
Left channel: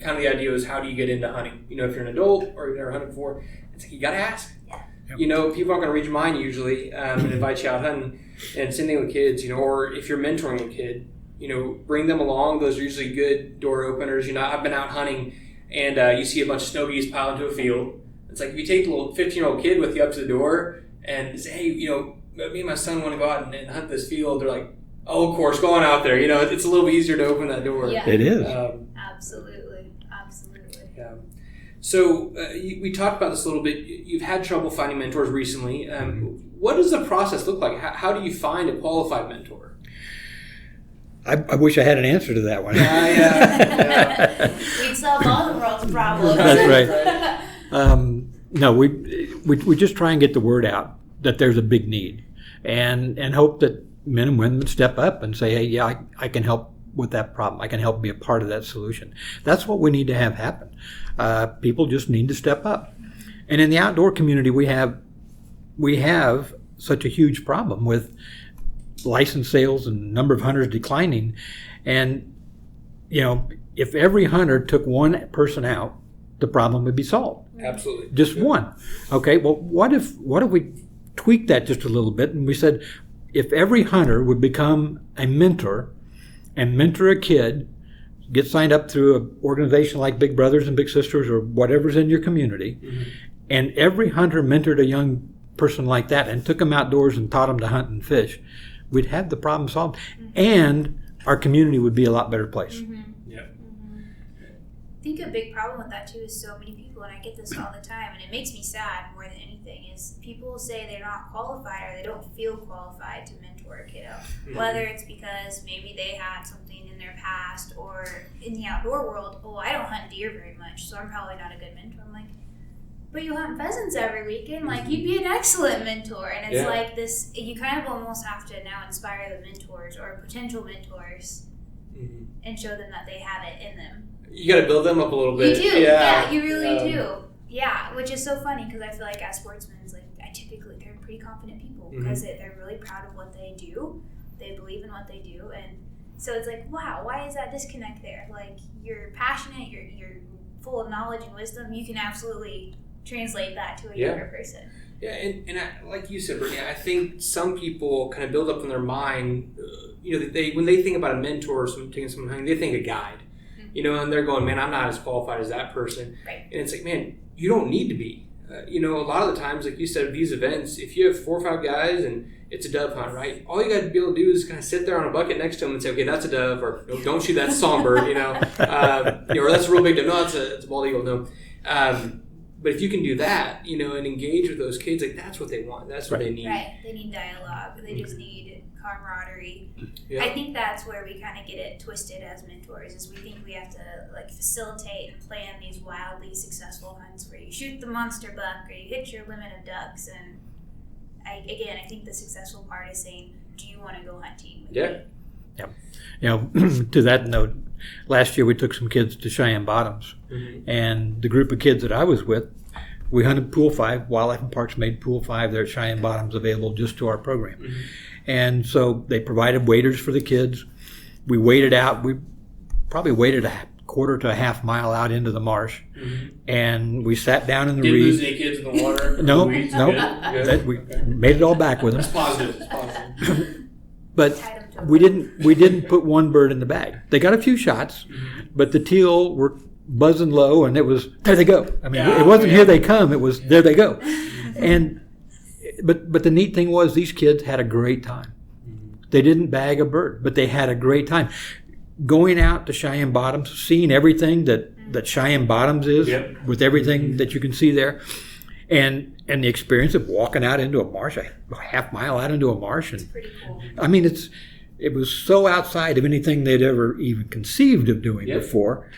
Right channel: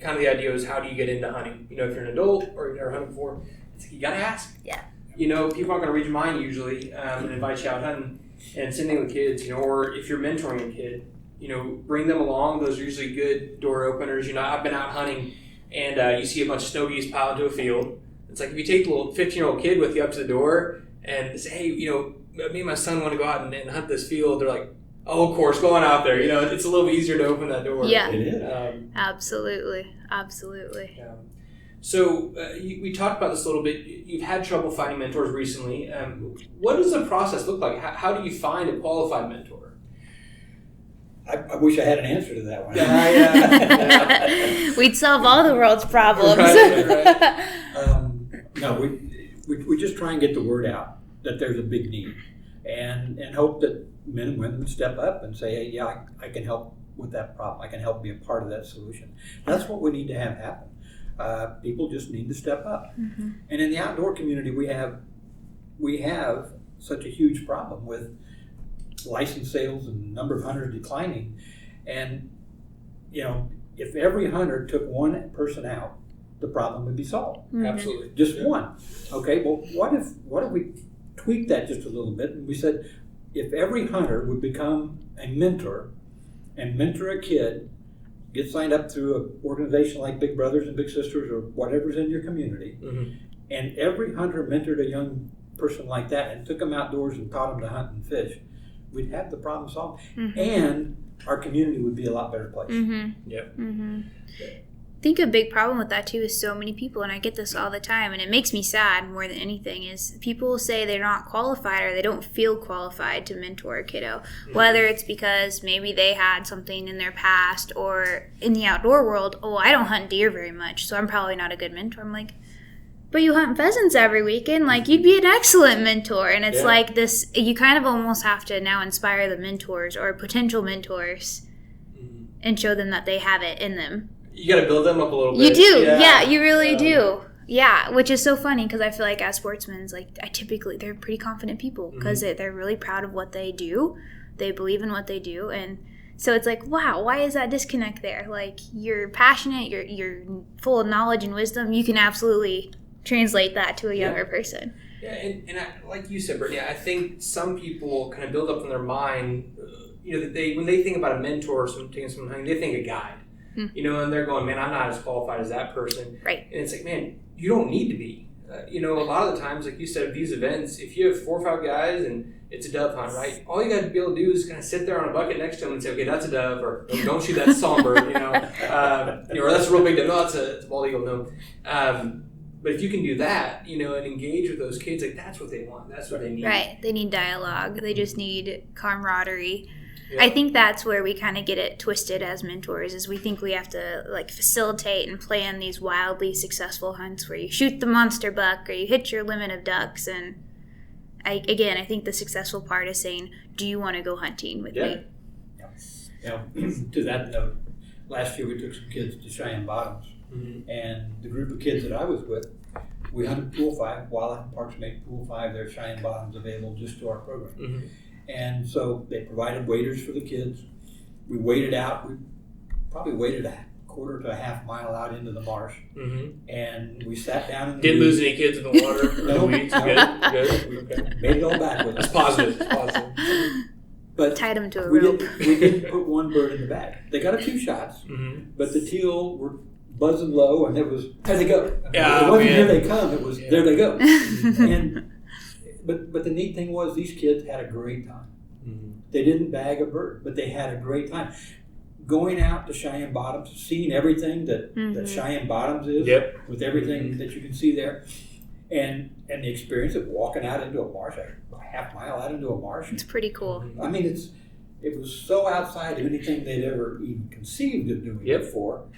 Kind of the idea is, how do you get into hunting? If you're an adult or you've never hunted before, it's like you got to ask. Yeah. People aren't going to read your mind usually and invite you out hunting. And same thing with kids, or if you're mentoring a kid, bring them along. Those are usually good door openers. I've been out hunting and you see a bunch of snow geese pile into a field. It's like if you take the little 15-year-old kid with you up to the door and say, hey, me and my son want to go out and hunt this field. They're like, oh, of course, go on out there. It's a little bit easier to open that door. Yeah, it is. Absolutely. Yeah. So we talked about this a little bit. You've had trouble finding mentors recently. What does the process look like? How do you find a qualified mentor? I wish I had an answer to that one. We'd solve all the world's problems. Right. No, we just try and get the word out that there's a big need, and hope that men and women step up and say, hey, yeah, I can help with that problem. I can help be a part of that solution. That's what we need to have happen. People just need to step up. And in the outdoor community, we have such a huge problem with license sales and number of hunters declining. And if every hunter took one person out, the problem would be solved. Absolutely, just one. Okay. Well, what if we tweaked that just a little bit and we said, if every hunter would become a mentor and mentor a kid, get signed up through an organization like Big Brothers and Big Sisters or whatever's in your community, and every hunter mentored a young person like that and took them outdoors and taught them to hunt and fish, we'd have the problem solved, and our community would be a lot better place. think a big problem with that too is so many people, and I get this all the time, and it makes me sad more than anything, is people say they're not qualified or they don't feel qualified to mentor a kiddo. Mm-hmm. Whether it's because maybe they had something in their past, or in the outdoor world, I don't hunt deer very much, so I'm probably not a good mentor. I'm like, but you hunt pheasants every weekend, like you'd be an excellent mentor. And it's like this, you kind of almost have to now inspire the mentors or potential mentors and show them that they have it in them. You got to build them up a little bit. You do, yeah, you really do. Yeah, which is so funny because I feel like as sportsmen, like they're pretty confident people because they're really proud of what they do. They believe in what they do, and so it's like, wow, why is that disconnect there? Like, you're passionate, you're full of knowledge and wisdom. You can absolutely translate that to a younger person. Yeah, and I, like you said, Brittany, I think some people kind of build up in their mind, when they think about a mentor or taking someone hunting, they think a guide. And they're going, man, I'm not as qualified as that person. Right. And it's like, man, you don't need to be. A lot of the times, like you said, at these events, if you have 4 or 5 guys and it's a dove hunt, right? All you got to be able to do is kind of sit there on a bucket next to them and say, okay, that's a dove, or don't shoot that songbird, or that's a real big dove. No, it's a bald eagle. No. But if you can do that, and engage with those kids, like that's what they want. That's what they need. Right. They need dialogue. They just need camaraderie. Yeah. I think that's where we kind of get it twisted as mentors, is we think we have to like facilitate and plan these wildly successful hunts where you shoot the monster buck or you hit your limit of ducks. And I think the successful part is saying, do you want to go hunting with me? Yeah. To that note, last year we took some kids to Cheyenne Bottoms, and the group of kids that I was with, we hunted Pool 5. Wildlife and Parks made Pool 5 there at Cheyenne Bottoms available just to our program. And so they provided waders for the kids. We waded out. We probably waded a quarter to a half mile out into the marsh, and we sat down in the Didn't lose any kids in the water? No. Good. We made it all back with us. It's positive. But tied them to a we rope. didn't put one bird in the bag. They got a few shots, but the teal were buzzing low, and it was there they go. I mean, it wasn't here they come. It was there they go. And but the neat thing was these kids had a great time. They didn't bag a bird, but they had a great time. Going out to Cheyenne Bottoms, seeing everything that Cheyenne Bottoms is, with everything that you can see there, and the experience of walking out into a marsh, a half mile out into a marsh. It's pretty cool. I mean, it was so outside of anything they'd ever even conceived of doing before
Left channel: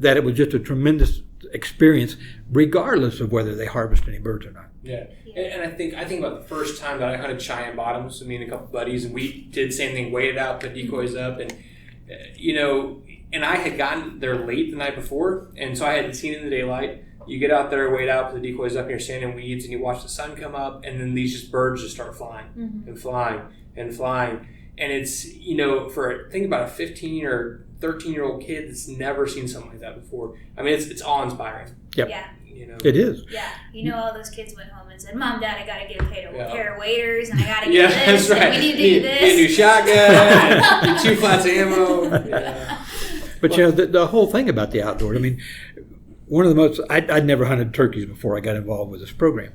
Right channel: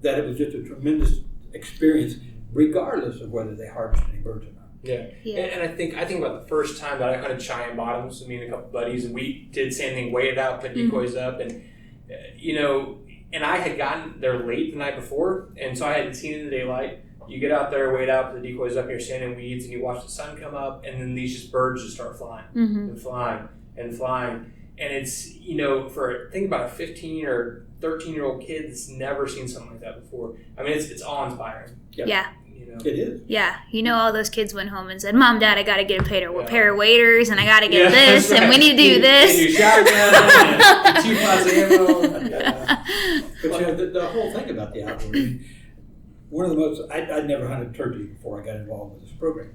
that it was just a tremendous experience, regardless of whether they harvest any birds or not. Yeah. And I think about the first time that I hunted Cheyenne Bottoms, me and a couple buddies, and we did the same thing, waited out, put decoys up, and and I had gotten there late the night before, and so I hadn't seen it in the daylight. You get out there, wait out, put the decoys up, and you're standing in weeds, and you watch the sun come up, and then these birds just start flying and flying and flying. And it's, think about a 15 or 13-year-old kid that's never seen something like that before. I mean, it's awe-inspiring. Yep. Yeah. It is. Yeah. All those kids went home and said, Mom, Dad, I got to get a pair of waders, and I got to get this, and we need to do this. Get a new shotgun, and 2 flats of ammo. Yeah. But, the whole thing about the outdoors, I mean, one of the most, I'd never hunted turkeys before I got involved with this program.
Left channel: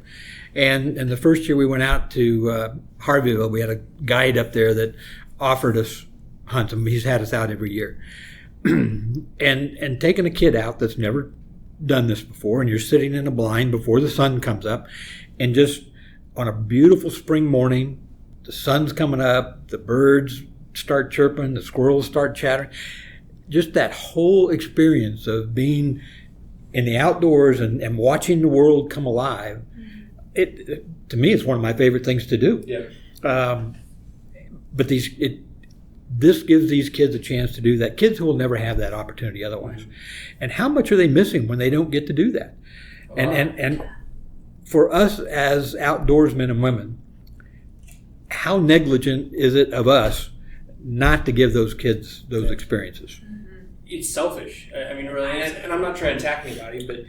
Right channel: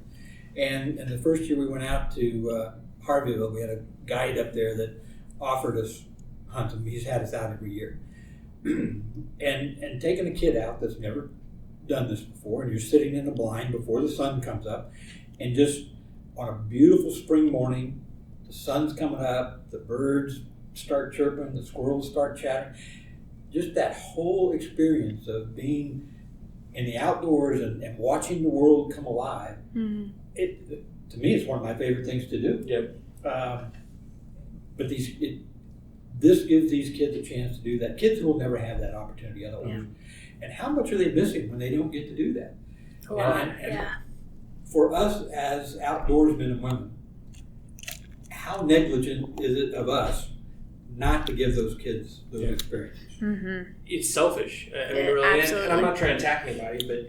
And the first year we went out to Harveyville, we had a guide up there that offered us hunts. I mean, he's had us out every year. and taking a kid out that's never done this before, and you're sitting in a blind before the sun comes up, and just on a beautiful spring morning, the sun's coming up, the birds start chirping, the squirrels start chattering. Just that whole experience of being in the outdoors and watching the world come alive, it to me, it's one of my favorite things to do. Yeah. But this gives these kids a chance to do that. Kids who will never have that opportunity otherwise. And how much are they missing when they don't get to do that? And for us as outdoorsmen and women, how negligent is it of us not to give those kids those experiences? It's selfish. I mean, really, and I'm not trying to attack anybody, but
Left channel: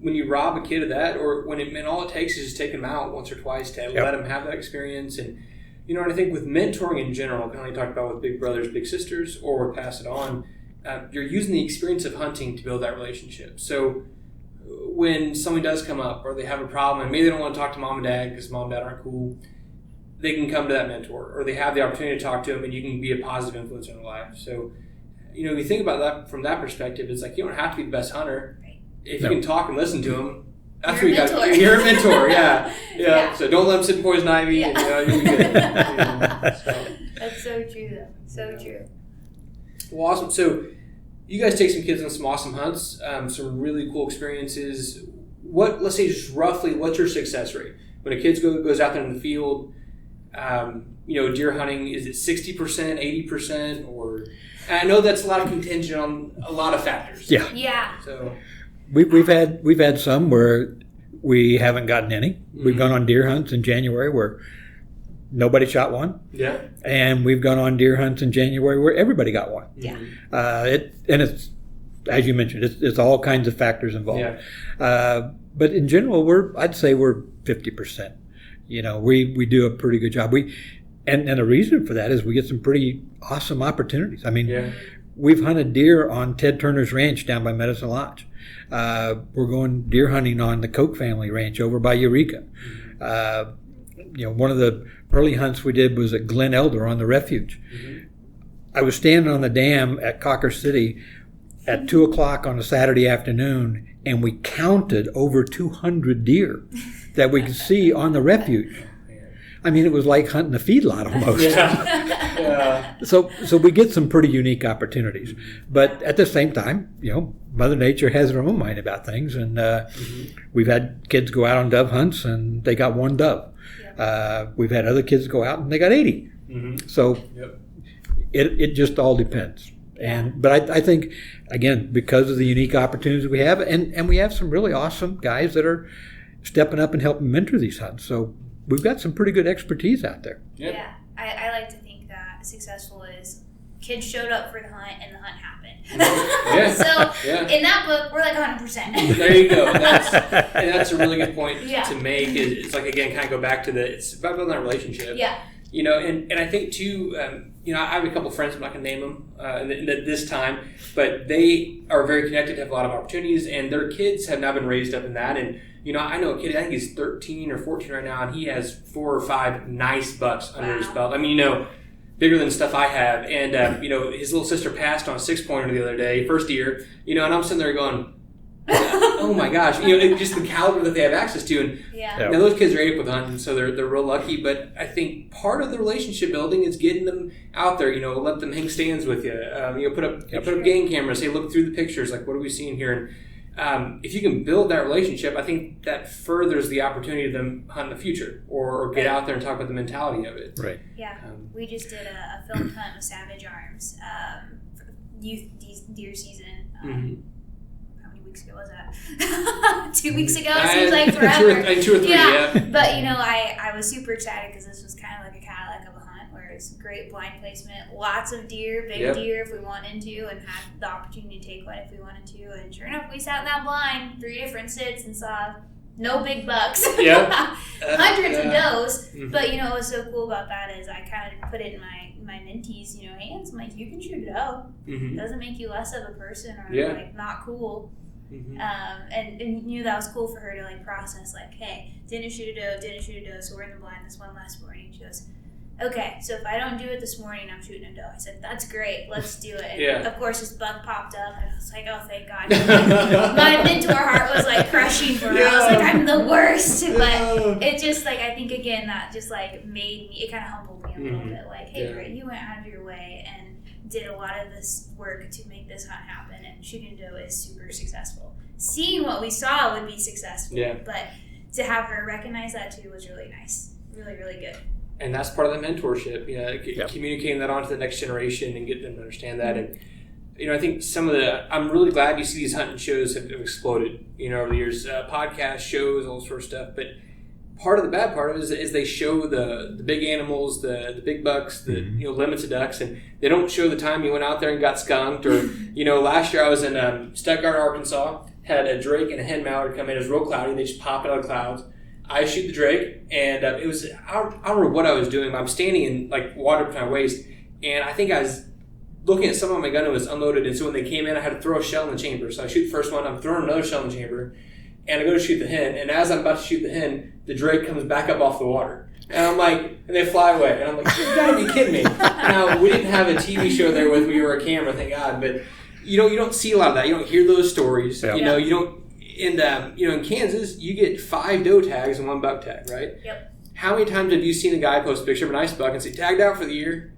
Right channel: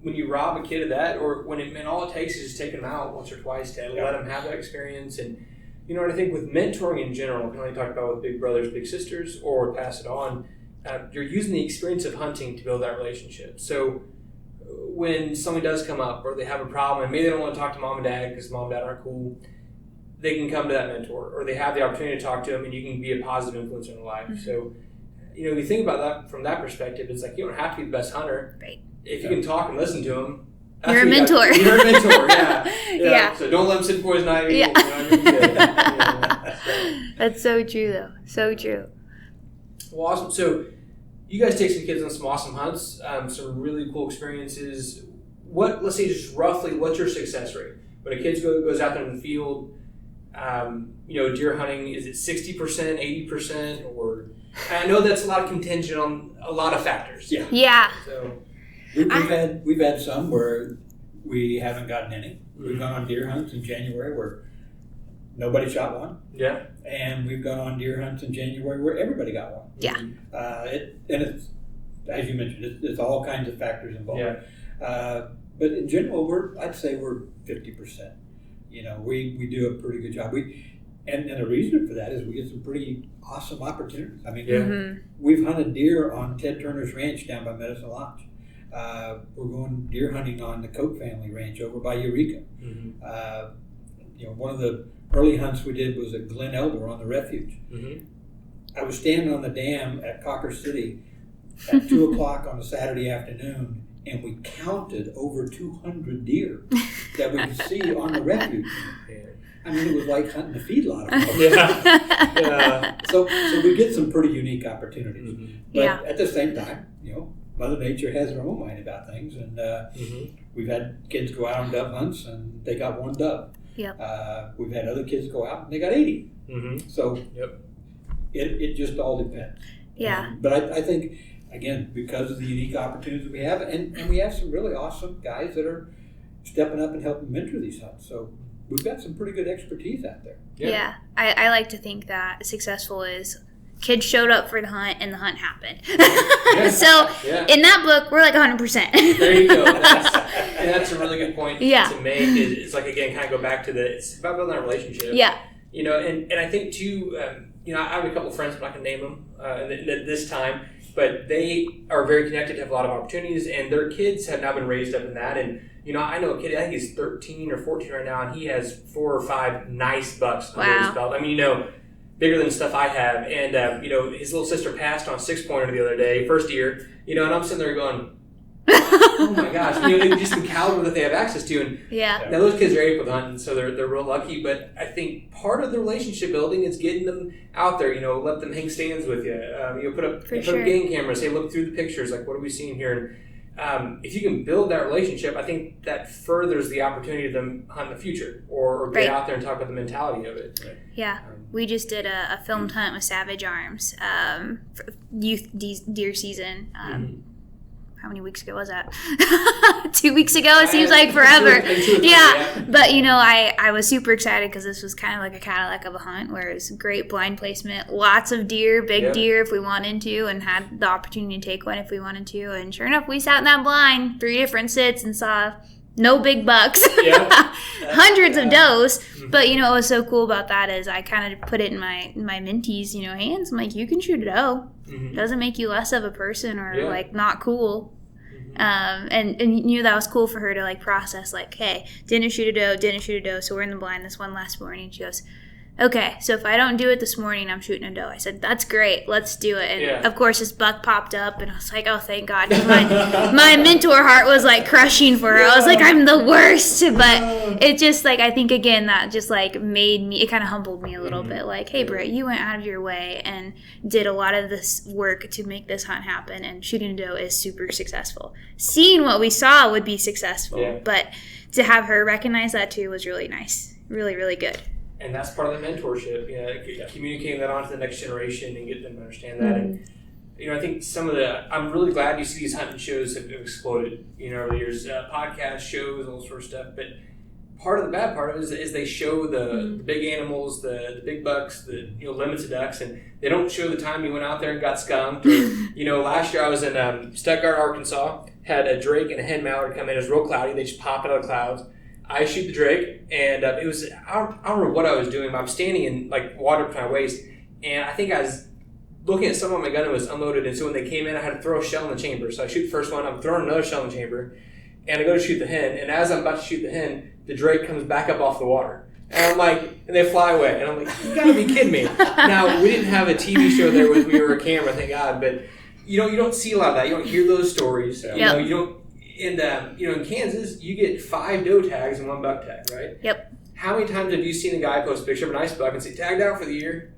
when you rob a kid of that, or when all it takes is just take them out once or twice to let them have that experience. And and I think with mentoring in general, kind of like talked about with big brothers, big sisters, or pass it on, you're using the experience of hunting to build that relationship. So when someone does come up or they have a problem and maybe they don't want to talk to mom and dad because mom and dad aren't cool, they can come to that mentor, or they have the opportunity to talk to them, and you can be a positive influence in their life. So you think about that from that perspective, it's like you don't have to be the best hunter. Right. If you can talk and listen to them, you're a mentor. You're a mentor, yeah. Yeah. So don't let them sit in poison ivy. Yeah. That's so true, though. So true. Well, awesome. So you guys take some kids on some awesome hunts, some really cool experiences. Let's say just roughly, what's your success rate? When a kid goes out there in the field, deer hunting, is it 60%, 80%? Or I know that's a lot of contingent on a lot of factors. Yeah. Yeah. So we've had some where we haven't gotten any. Mm-hmm. We've gone on deer hunts in January where nobody shot one. Yeah. And we've gone on deer hunts in January where everybody got one. Yeah. It's, as you mentioned, it's all kinds of factors involved. Yeah. But in general, I'd say we're 50%. We do a pretty good job. And the reason for that is we get some pretty awesome opportunities. I mean, we've hunted deer on Ted Turner's ranch down by Medicine Lodge. We're going deer hunting on the Koch family ranch over by Eureka. Mm-hmm. One of the early hunts we did was at Glen Elder on the refuge. Mm-hmm. I was standing on the dam at Cocker City at 2 o'clock on a Saturday afternoon, and we counted over 200 deer that we could see on the refuge. I mean, it was like hunting a feedlot almost. Yeah. So we get some pretty unique opportunities. Mm-hmm. But at the same time, Mother Nature has her own mind about things. And we've had kids go out on dove hunts, and they got one dove. Yep. We've had other kids go out, and they got 80. Mm-hmm. So it just all depends. Yeah. But I think, again, because of the unique opportunities we have, and we have some really awesome guys that are stepping up and helping mentor these hunts. So we've got some pretty good expertise out there. Yeah. I like to think that successful is kids showed up for the hunt and the hunt happened. So in that book, we're like 100%. There you go. That's a really good point to make. It's like, again, kind of go back to it's about building that relationship. Yeah. And I think too, I have a couple of friends, I'm not going to name them this time, but they are very connected, have a lot of opportunities, and their kids have now been raised up in that. And I know a kid, I think he's 13 or 14 right now, and he has 4 or 5 nice bucks under his belt. I mean, bigger than stuff I have. And, his little sister passed on a 6-pointer the other day, first year, and I'm sitting there going, oh my gosh, just the caliber that they have access to. And now those kids are able with hunting, so they're real lucky. But I think part of the relationship building is getting them out there, let them hang stands with you. Put up game cameras, say, look through the pictures, like, what are we seeing here? And if you can build that relationship, I think that furthers the opportunity of them hunt in the future or get out there and talk about the mentality of it. Right. Yeah. We just did a filmed hunt with Savage Arms for youth deer season. How many weeks ago was that? 2 weeks ago? It seems like forever. 2 or 3, yeah. But, I was super excited because this was kind of like a Cadillac of a hunt where it was great blind placement, lots of deer, big deer if we wanted to, and had the opportunity to take one if we wanted to. And sure enough, we sat in that blind, 3 different sits, and saw no big bucks. Hundreds of does. Mm-hmm. But, what was so cool about that is I kind of put it in my mentees, hands. I'm like, you can shoot a doe. Mm-hmm. Doesn't make you less of a person or not cool. Mm-hmm. And that was cool for her to process, hey, didn't shoot a doe, so we're in the blind this one last morning. She goes, okay, so if I don't do it this morning, I'm shooting a doe. I said, that's great, let's do it. And of course this buck popped up, and I was like, oh, thank God. My mentor heart was crushing for her. I was like, I'm the worst. But it just I think again that just made me, it kind of humbled me a little bit. Hey, Britt, you went out of your way and did a lot of this work to make this hunt happen, and shooting a doe is super successful. Seeing what we saw would be successful, but to have her recognize that too was really nice. Really, really good. And that's part of the mentorship, communicating that on to the next generation and get them to understand that. Mm-hmm. And, I think I'm really glad you see these hunting shows have exploded, over the years, podcast shows, all sorts of stuff. But part of the bad part of it is they show the big animals, the big bucks, the limits of ducks, and they don't show the time you went out there and got skunked. Or, last year I was in Stuttgart, Arkansas, had a drake and a hen mallard come in. It was real cloudy. They just pop out of the clouds. I shoot the drake, and it was, I don't remember what I was doing, but I'm standing in water up to my waist, and I think I was looking at someone, my gun was unloaded, and so when they came in, I had to throw a shell in the chamber. So I shoot the first one, I'm throwing another shell in the chamber, and I go to shoot the hen, and as I'm about to shoot the hen, the drake comes back up off the water. And I'm like, and they fly away. And I'm like, you gotta be kidding me. Now, we didn't have a TV show there with me or a camera, thank God, but you don't see a lot of that. You don't hear those stories. Yep. You don't, and in Kansas, you get 5 doe tags and 1 buck tag, right? Yep. How many times have you seen a guy post a picture of a nice buck and say, tagged out for the year?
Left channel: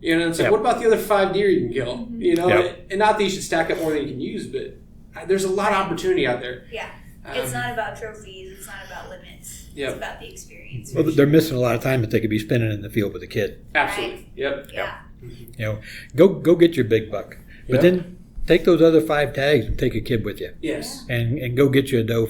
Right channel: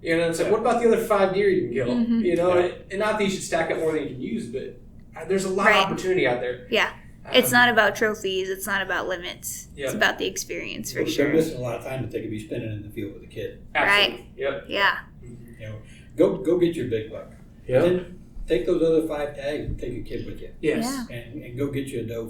It's like, what about the other 5 deer you can kill? Mm-hmm. And not that you should stack up more than you can use, but there's a lot of opportunity out there. Yeah. It's not about trophies. It's not about limits. Yep. It's about the experience. Well, they're missing a lot of time that they could be spending in the field with a kid. Absolutely. Right. Yep. Yeah. Go get your big buck, but then take those other 5 tags and take a kid with you. Yes. Yeah. And go get you a doe.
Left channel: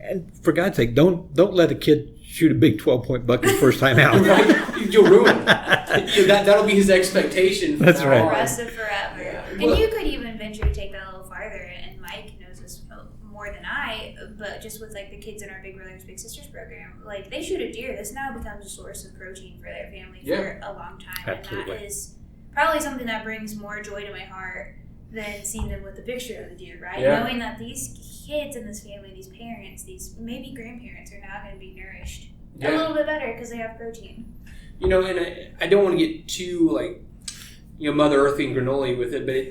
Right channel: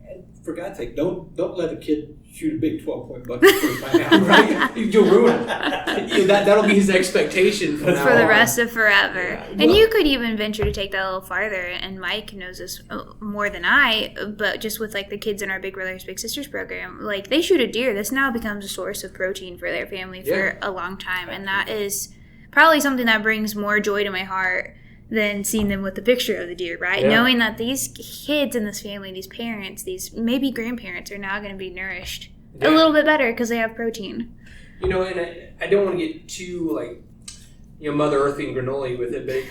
And for God's sake, don't let a kid shoot a big 12-point buck the first time out. Right? You'll ruin that'll be his expectation for the rest of forever. Yeah. And you could even venture to take that a little farther, and Mike knows this more than I, but just with like the kids in our Big Brothers Big Sisters program, like they shoot a deer, this now becomes a source of protein for their family for a long time. Absolutely. And that is probably something that brings more joy to my heart than seeing them with the picture of the deer, right? Yeah. Knowing that these kids in this family, these parents, these maybe grandparents are now going to be nourished a little bit better because they have protein. And I don't want to get too Mother Earthy and granola with it, but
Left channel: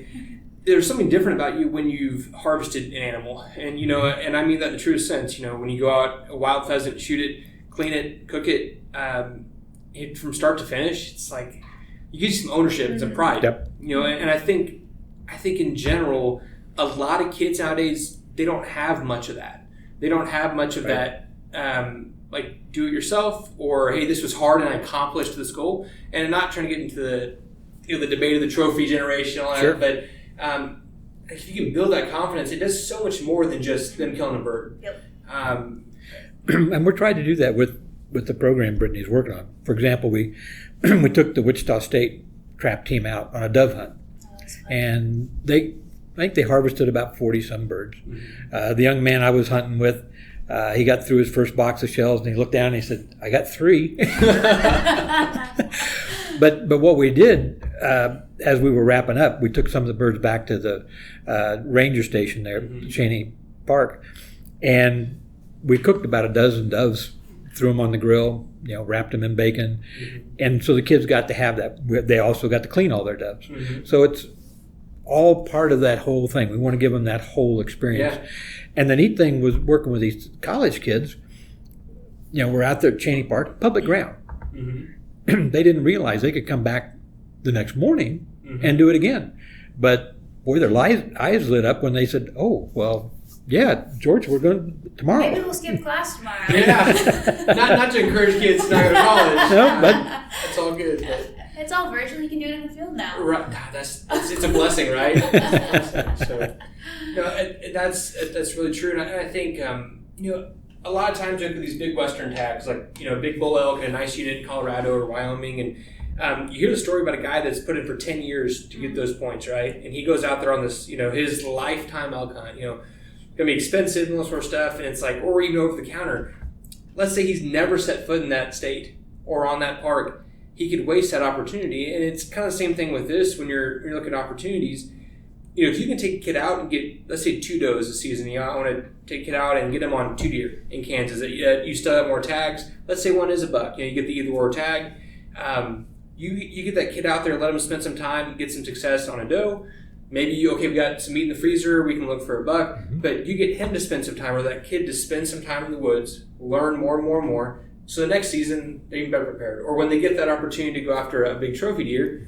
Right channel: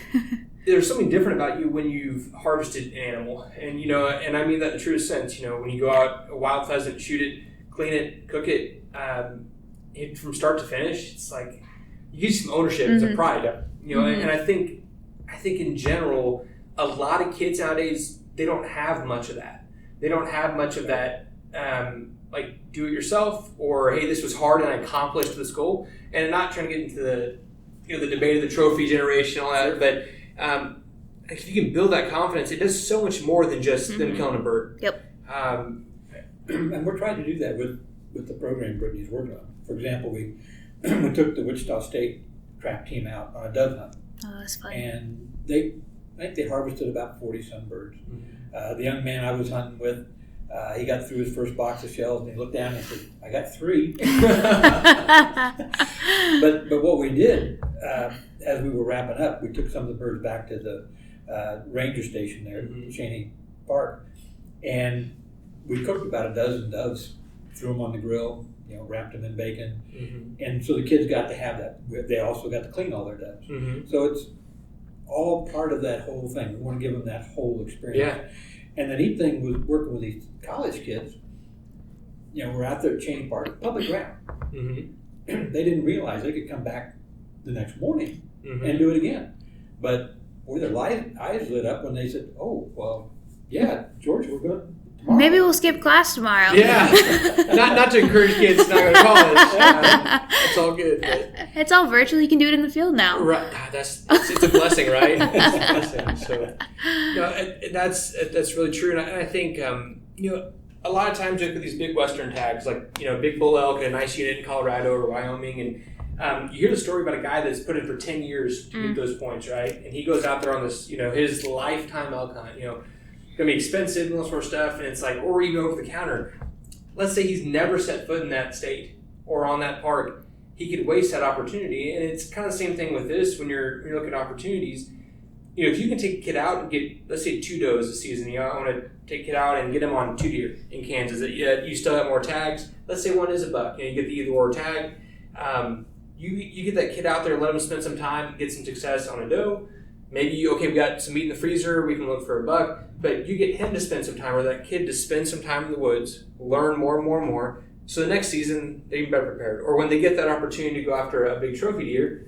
there's something different about you when you've harvested an animal, and and I mean that in the truest sense. When you go out a wild pheasant, shoot it, clean it, cook it, from start to finish, it's like you get some ownership, it's a pride. Yep. And I think in general, a lot of kids nowadays, they don't have much of that. They don't have much of that, do it yourself, or hey, this was hard and I accomplished this goal. And I'm not trying to get into the debate of the trophy generation, all that. Sure. But if you can build that confidence, it does so much more than just them killing a bird. Yep. And we're trying to do that with the program Brittany's working on. For example, we took the Wichita State trap team out on a dove hunt. And I think they harvested about 40-some birds. Mm-hmm. The young man I was hunting with, he got through his first box of shells and he looked down and he said, I got 3. But what we did, as we were wrapping up, we took some of the birds back to the ranger station there, Cheney Park, and we cooked about a dozen doves, threw them on the grill, wrapped them in bacon. Mm-hmm. And so the kids got to have that. They also got to clean all their doves. Mm-hmm. So it's all part of that whole thing. We want to give them that whole experience. Yeah. And the neat thing was working with these college kids, we're out there at Cheney Park, public ground. Mm-hmm. They didn't realize they could come back the next morning and do it again. But boy, their eyes lit up when they said, oh, well, yeah, George, we're going to tomorrow. Maybe we'll skip class tomorrow. Yeah. not to encourage kids to not go to college. It's all good. But. It's all virtual. You can do it in the field now. Right. It's a blessing, right? So, that's really true. And I think, a lot of times you look at these big Western tags, like, big bull elk in a nice unit in Colorado or Wyoming, and you hear the story about a guy that's put in for 10 years to get those points, right? And he goes out there on this, his lifetime elk hunt, going to be expensive and all sort of stuff, and it's like, or even over the counter. Let's say he's never set foot in that state or on that park. He could waste that opportunity, and it's kind of the same thing with this when you're looking at opportunities. If you can take a kid out and get, let's say, 2 does a season, I want to take a kid out and get him on 2 deer in Kansas. You still have more tags. Let's say one is a buck. You get the either or tag. You get that kid out there, let him spend some time, get some success on a doe. Maybe, we got some meat in the freezer, we can look for a buck, but you get him to spend some time, or that kid to spend some time in the woods, learn more and more and more, so the next season, they're even better prepared. Or when they get that opportunity to go after a big trophy deer,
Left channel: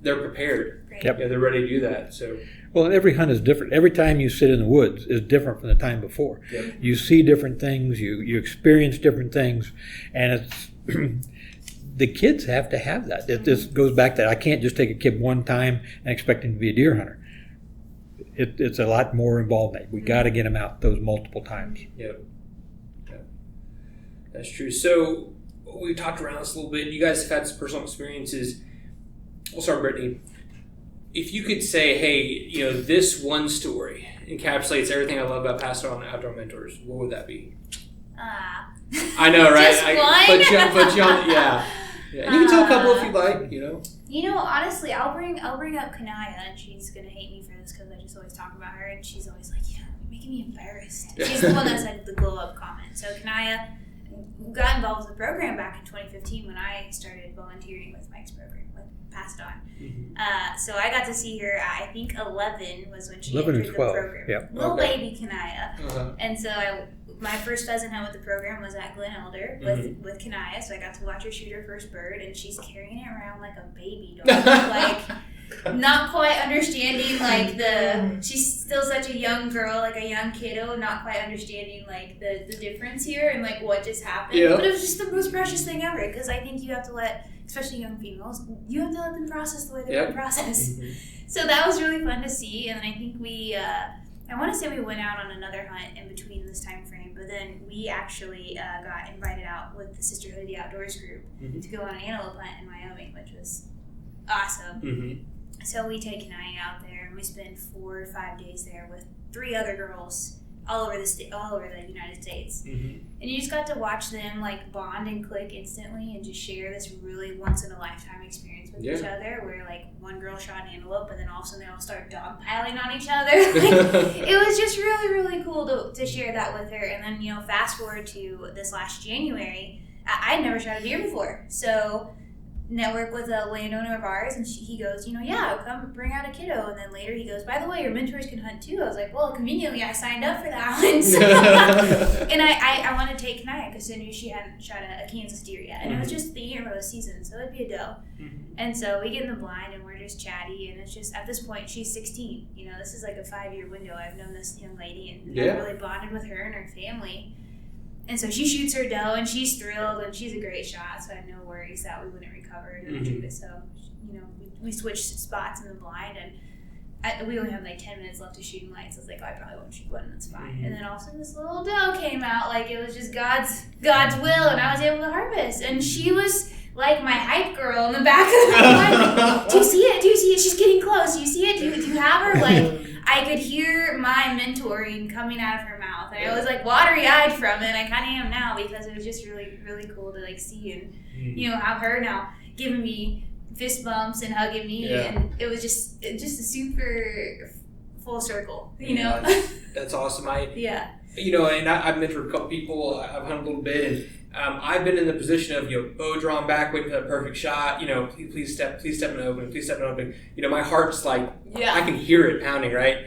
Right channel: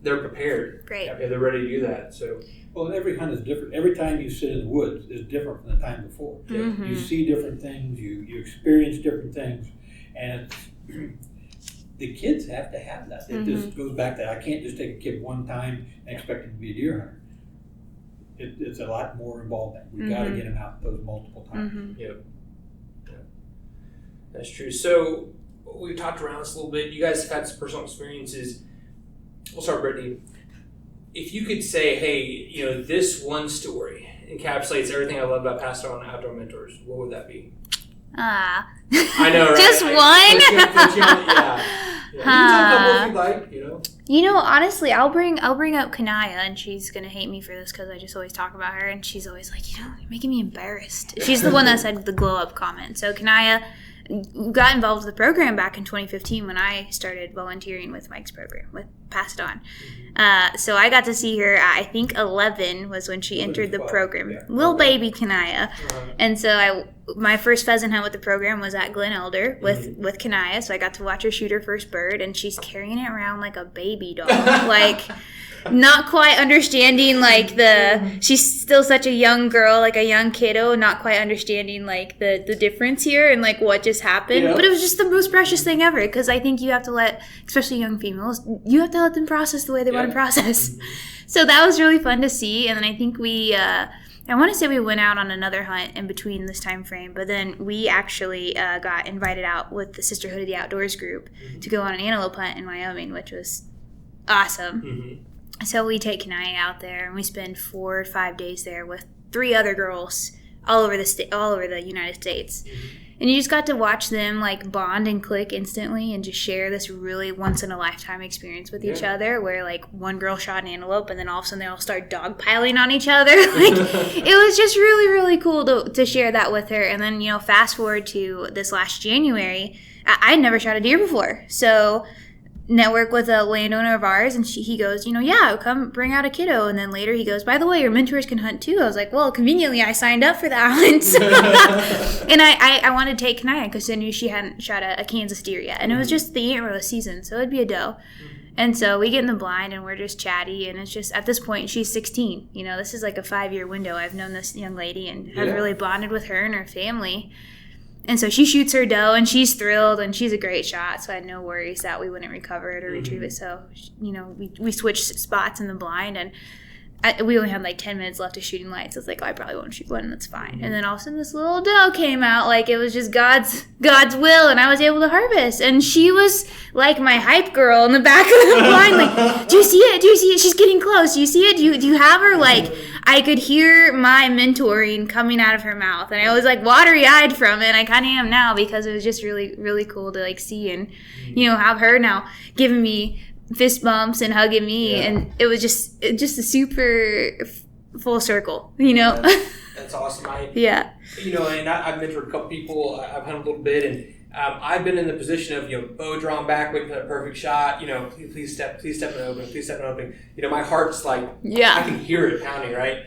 they're prepared. Great. Yep. Yeah, they're ready to do that. So, well, every hunt is different. Every time you sit in the woods is different from the time before. Mm-hmm. You see different things, you experience different things, and it's... The kids have to have that. It just goes back to that. I can't just take a kid one time and expect him to be a deer hunter. It's a lot more involved. We got to get him out those multiple times. Mm-hmm. Yep. That's true. So we talked around this a little bit. You guys have had some personal experiences. We'll start with Brittany. If you could say, hey, this one story encapsulates everything I love about Pastor on Outdoor Mentors, what would that be? I know, right? Just one? Put you on, yeah. You can tell a couple if you'd like, honestly, I'll bring up Kanaya, and she's going to hate me for this because I just always talk about her, and she's always like, you're making me embarrassed. She's the one that said the glow-up comment. So Kanaya, got involved with the program back in 2015 when I started volunteering with Mike's program, with Pass It On. So I got to see her at, I think 11 was when she entered the program. Yeah. Little baby Kanaya. And so my first pheasant hunt with the program was at Glen Elder with Kanaya. So I got to watch her shoot her first bird, and she's carrying it around like a baby doll. Like, not quite understanding, like, she's still such a young girl, like a young kiddo, not quite understanding, like, the difference here and, like, what just happened. But it was just the most precious thing ever, because I think you have to let, especially young females, you have to let them process the way they want to process. So that was really fun to see. And then I think I want to say we went out on another hunt in between this time frame, but then we actually got invited out with the Sisterhood of the Outdoors group to go on an antelope hunt in Wyoming, which was awesome. So we take Kanaya out there, and we spend 4 or 5 days there with 3 other girls all over the United States. And you just got to watch them, like, bond and click instantly and just share this really once-in-a-lifetime experience with each other, where, like, one girl shot an antelope, and then all of a sudden they all start dogpiling on each other. Like, it was just really, really cool to share that with her. And then, fast forward to this last January, I had never shot a deer before. So network with a landowner of ours, and he goes, come bring out a kiddo. And then later he goes, by the way, your mentors can hunt too. I was like, well, conveniently I signed up for that hunt. And I wanted to take Kanaya because I knew she hadn't shot a Kansas deer yet, and it was just the antler season, so it'd be a doe. And so we get in the blind, and we're just chatty, and it's just, at this point, she's 16. This is like a 5-year window. I've known this young lady and have really bonded with her and her family. And so she shoots her doe, and she's thrilled, and she's a great shot, so I had no worries that we wouldn't recover it or retrieve it. So, we switched spots in the blind, and we only had like 10 minutes left of shooting lights. I was like, I probably won't shoot one, and that's fine. And then all of a sudden this little doe came out, like it was just God's will, and I was able to harvest. And she was like my hype girl in the back of the blind, like, do you see it? Do you see it? She's getting close. Do you see it? Do you have her? Like, I could hear my mentoring coming out of her mouth, and I was like watery-eyed from it. I kind of am now, because it was just really, really cool to like see and have her now giving me fist bumps and hugging me, and it was just a super full circle, That's awesome. And I've mentored a couple people. I've hunted a little bit, and I've been in the position of bow drawn back, waiting for that perfect shot. Please step and open. My heart's like, I can hear it pounding, right?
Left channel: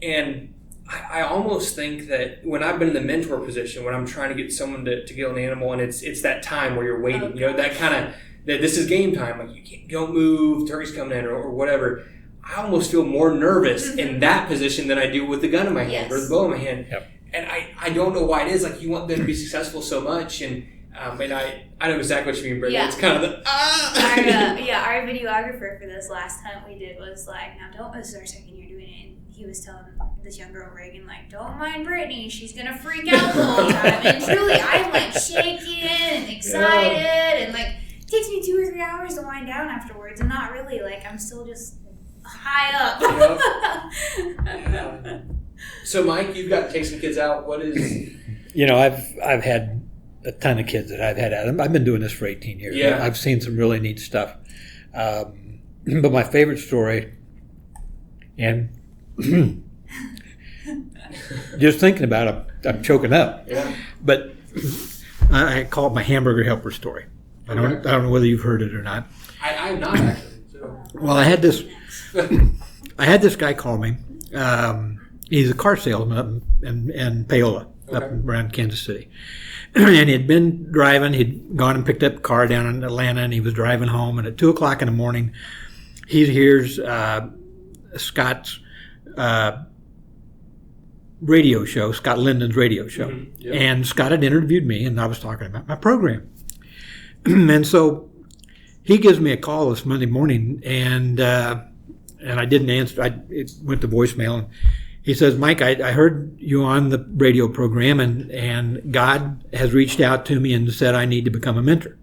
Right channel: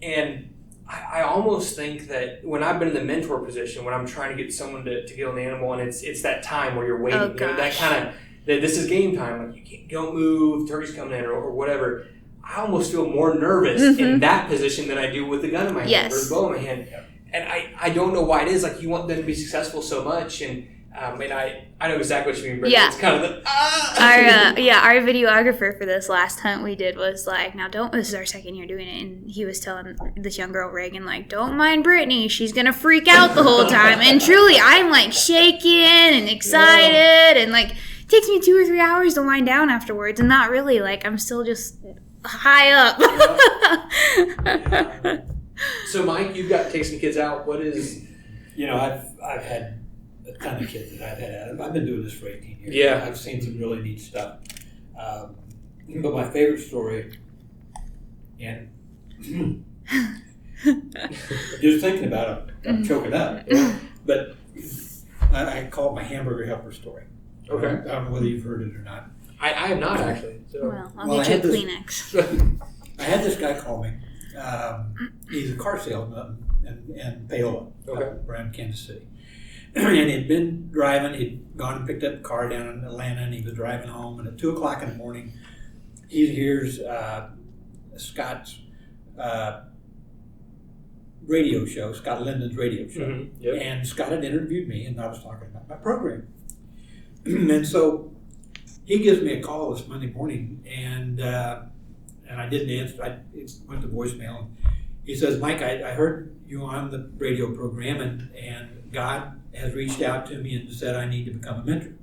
And I almost think that when I've been in the mentor position, when I'm trying to get someone to kill an animal, and it's that time where you're waiting, that kind of, that this is game time, like you don't move, turkey's coming in, or whatever. I almost feel more nervous in that position than I do with the gun in my hand or the bow in my hand. And I don't know why it is. Like, you want them to be successful so much, and I know exactly what you mean, Brittany. It's kind of our videographer for this last hunt we did was like, this is our second year doing it, and he was telling this young girl, Reagan, like, don't mind Brittany, she's gonna freak out the whole time. And truly, I'm like shaking and excited, and like, it takes me 2 or 3 hours to wind down afterwards, and not really, like, I'm still just high up. So, Mike, you've got to take some kids out. What is... I've had a ton of kids that I've had at them. I've been doing this for 18 years. I've seen some really neat stuff. But my favorite story, and just thinking about it, I'm choking up. But I call it my hamburger helper story. I don't know whether you've heard it or not. I have not, actually. So. Well, I had this guy call me. He's a car salesman up in Paola, up around Kansas City. And he'd been driving. He'd gone and picked up a car down in Atlanta, and he was driving home. And at 2 o'clock in the morning, he hears Scott's radio show, Scott Linden's radio show. And Scott had interviewed me, and I was talking about my program. And so he gives me a call this Monday morning, and I didn't answer. It went to voicemail. And he says, Mike, I heard you on the radio program, and God has reached out to me and said I need to become a mentor.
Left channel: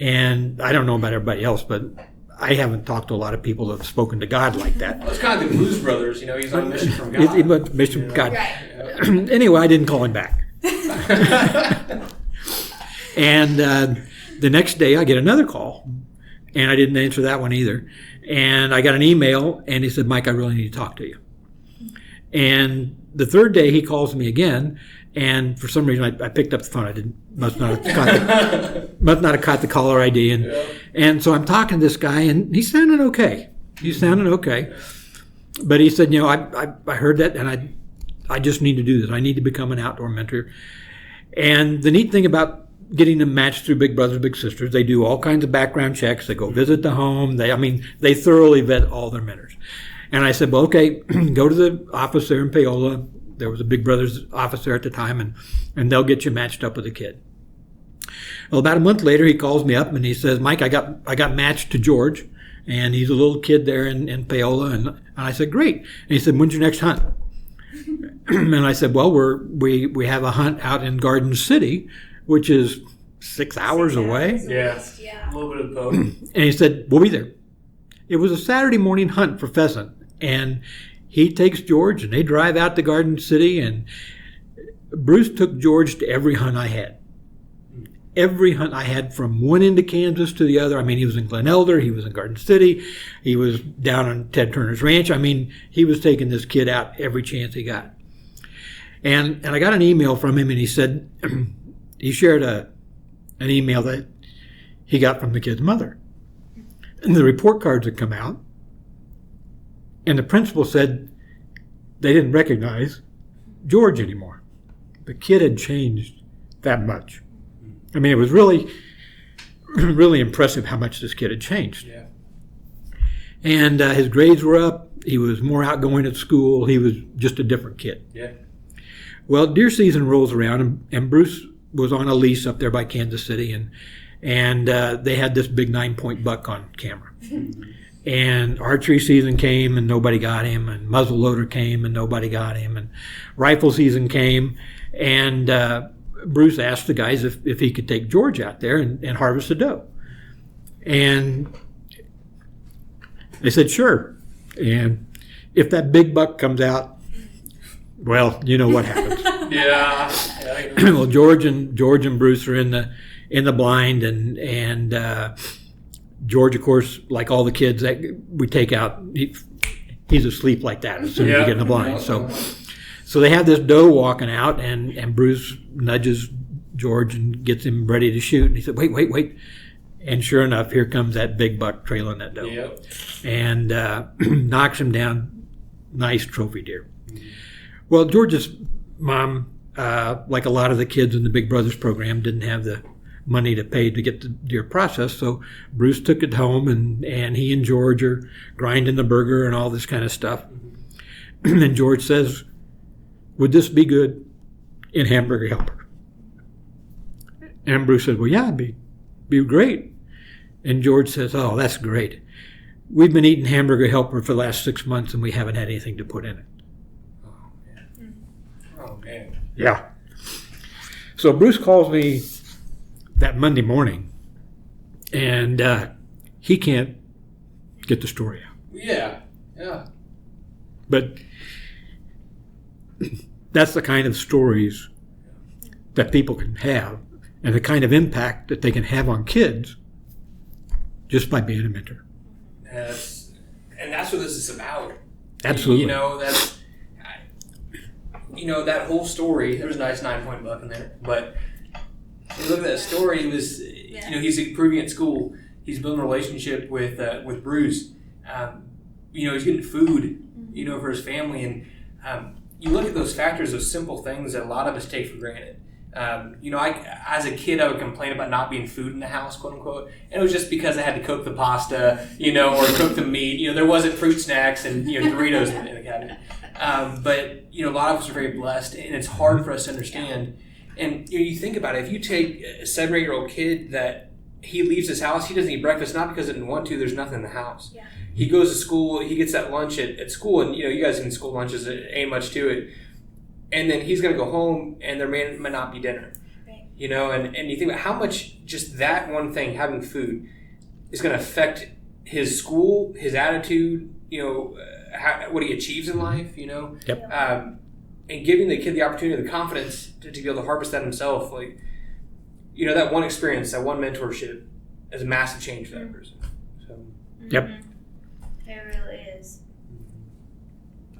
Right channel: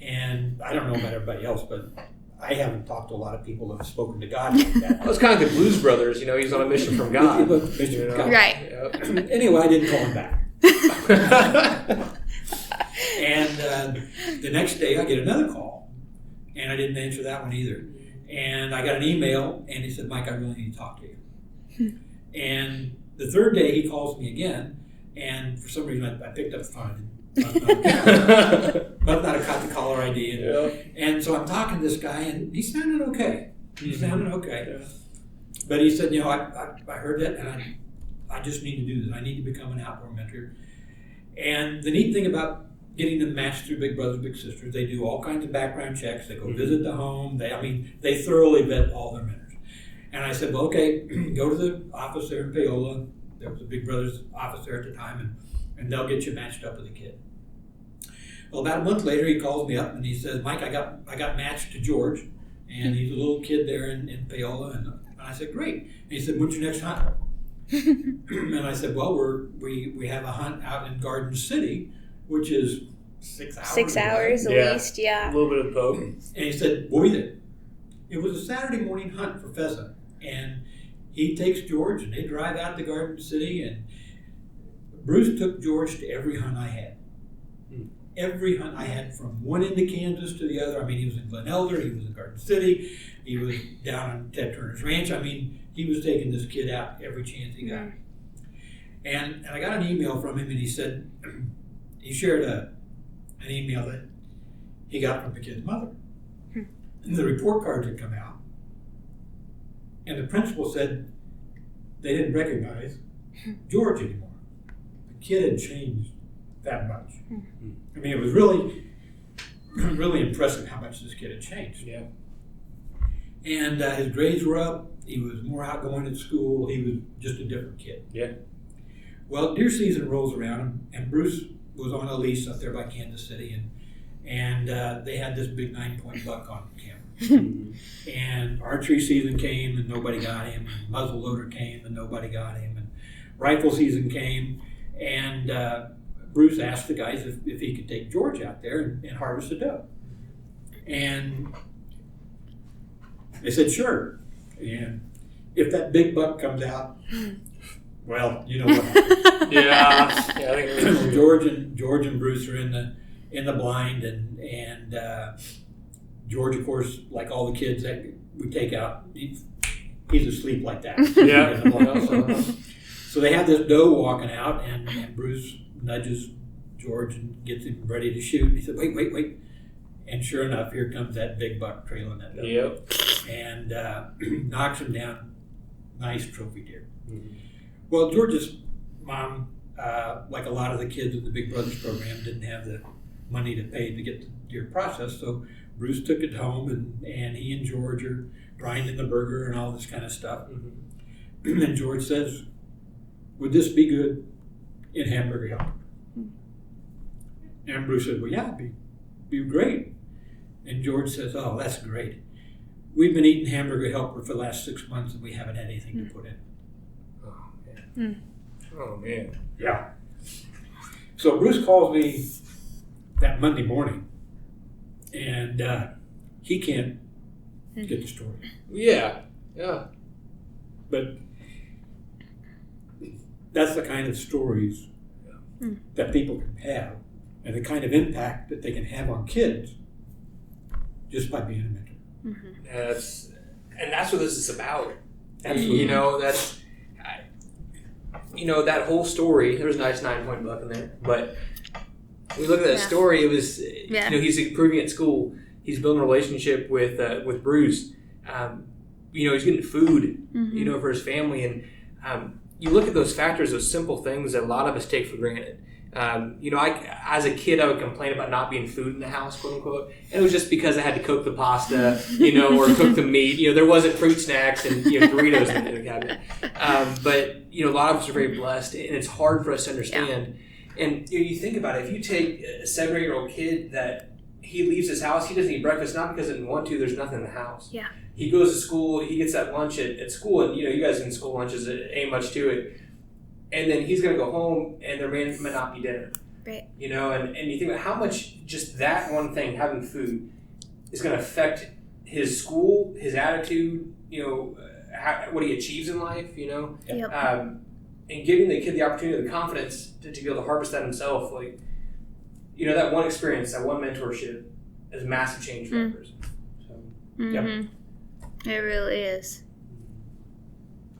And I don't know about everybody else, but I haven't talked to a lot of people that have spoken to God like that. Well, it's kind of the Blues Brothers, he's on a mission from God. He went mission from God. Right. Anyway, I didn't call him back. And the next day I get another call, and I didn't answer that one either. And I got an email, and he said, Mike, I really need to talk to you. And the third day he calls me again, And for some reason, I picked up the phone. I didn't must not have caught the caller ID. And so I'm talking to this guy, and he's sounding okay. But he said, I heard that, and I just need to do this. I need to become an outdoor mentor. And the neat thing about getting them matched through Big Brothers Big Sisters, they do all kinds of background checks. They go visit the home. They thoroughly vet all their mentors. And I said, well, okay, go to the office there in Paola. There was a Big Brothers office there at the time, and they'll get you matched up with a kid. Well, about a month later, he calls me up and he says, Mike, I got matched to George, and he's a little kid there in Paola. And I said, great. And he said, when's your next hunt? And I said, well, we have a hunt out in Garden City, which is 6 hours away. At least, yeah. A little bit of both. And he said, we'll be there. It was a Saturday morning hunt for pheasant, and he takes George, and they drive out to Garden City, and Bruce took George to every hunt I had. Every hunt I had, from one end of Kansas to the other. He was in Glen Elder, he was in Garden City, he was down on Ted Turner's ranch. He was taking this kid out every chance he got. And I got an email from him, and he said, he shared an email that he got from the kid's mother. And the report cards had come out, and the principal said they didn't recognize George anymore. The kid had changed that much. It was really, really impressive how much this kid had changed. Yeah. And his grades were up. He was more outgoing at school. He was just a different kid. Yeah. Well, deer season rolls around, and Bruce was on a lease up there by Kansas City, and they had this big 9-point buck on camera. And archery season came, and nobody got him, and muzzleloader came, and nobody got him, and rifle season came, and Bruce asked the guys if he could take George out there and harvest a doe. And they said, sure. And if that big buck comes out, well, you know what happens. Yeah. Well, George and Bruce are in the blind, and George, of course, like all the kids that we take out, he's asleep like that as soon as we get in the blind. So they have this doe walking out, and Bruce nudges George and gets him ready to shoot. And he said, wait. And sure enough, here comes that big buck trailing that doe. Yep. And knocks him down. Nice trophy deer. Mm-hmm. Well, George's mom, like a lot of the kids in the Big Brothers program, didn't have the money to pay to get the deer processed, so Bruce took it home, and he and George are grinding the burger and all this kind of stuff. Mm-hmm. And George says, would this be good in Hamburger Helper? And Bruce said, well, yeah, it'd be great. And George says, oh, that's great. We've been eating Hamburger Helper for the last 6 months, and we haven't had anything to put in it. Oh, man. Yeah. So Bruce calls me that Monday morning, and he can't get the story out. Yeah. But that's the kind of stories that people can have, and the kind of impact that they can have on kids just by being a mentor. Mm-hmm. That's what this is about. Absolutely. That whole story, there was a nice 9-point buck in there, but you look at that story, it was, he's improving at school. He's building a relationship with Bruce. He's getting food, mm-hmm. For his family. And you look at those factors, those simple things that a lot of us take for granted. As a kid, I would complain about not being food in the house, quote unquote. And it was just because I had to cook the pasta, or cook the meat. There wasn't fruit snacks and, Doritos in the cabinet. But a lot of us are very blessed, and it's hard for us to understand. Yeah. And you think about it, if you take a 7 or 8-year-old kid that he leaves his house, he doesn't eat breakfast, not because he didn't want to, there's nothing in the house. Yeah. He goes to school, he gets that lunch at school, and you guys in school lunches, ain't much to it. And then he's going to go home, and there may not be dinner. Right. And you think about how much just that one thing, having food, is going to affect his school, his attitude, what he achieves in life, Yep. And giving the kid the opportunity, the confidence to be able to harvest that himself. That one experience, that one mentorship is a massive change for that person. So, mm-hmm. Yep. It really is.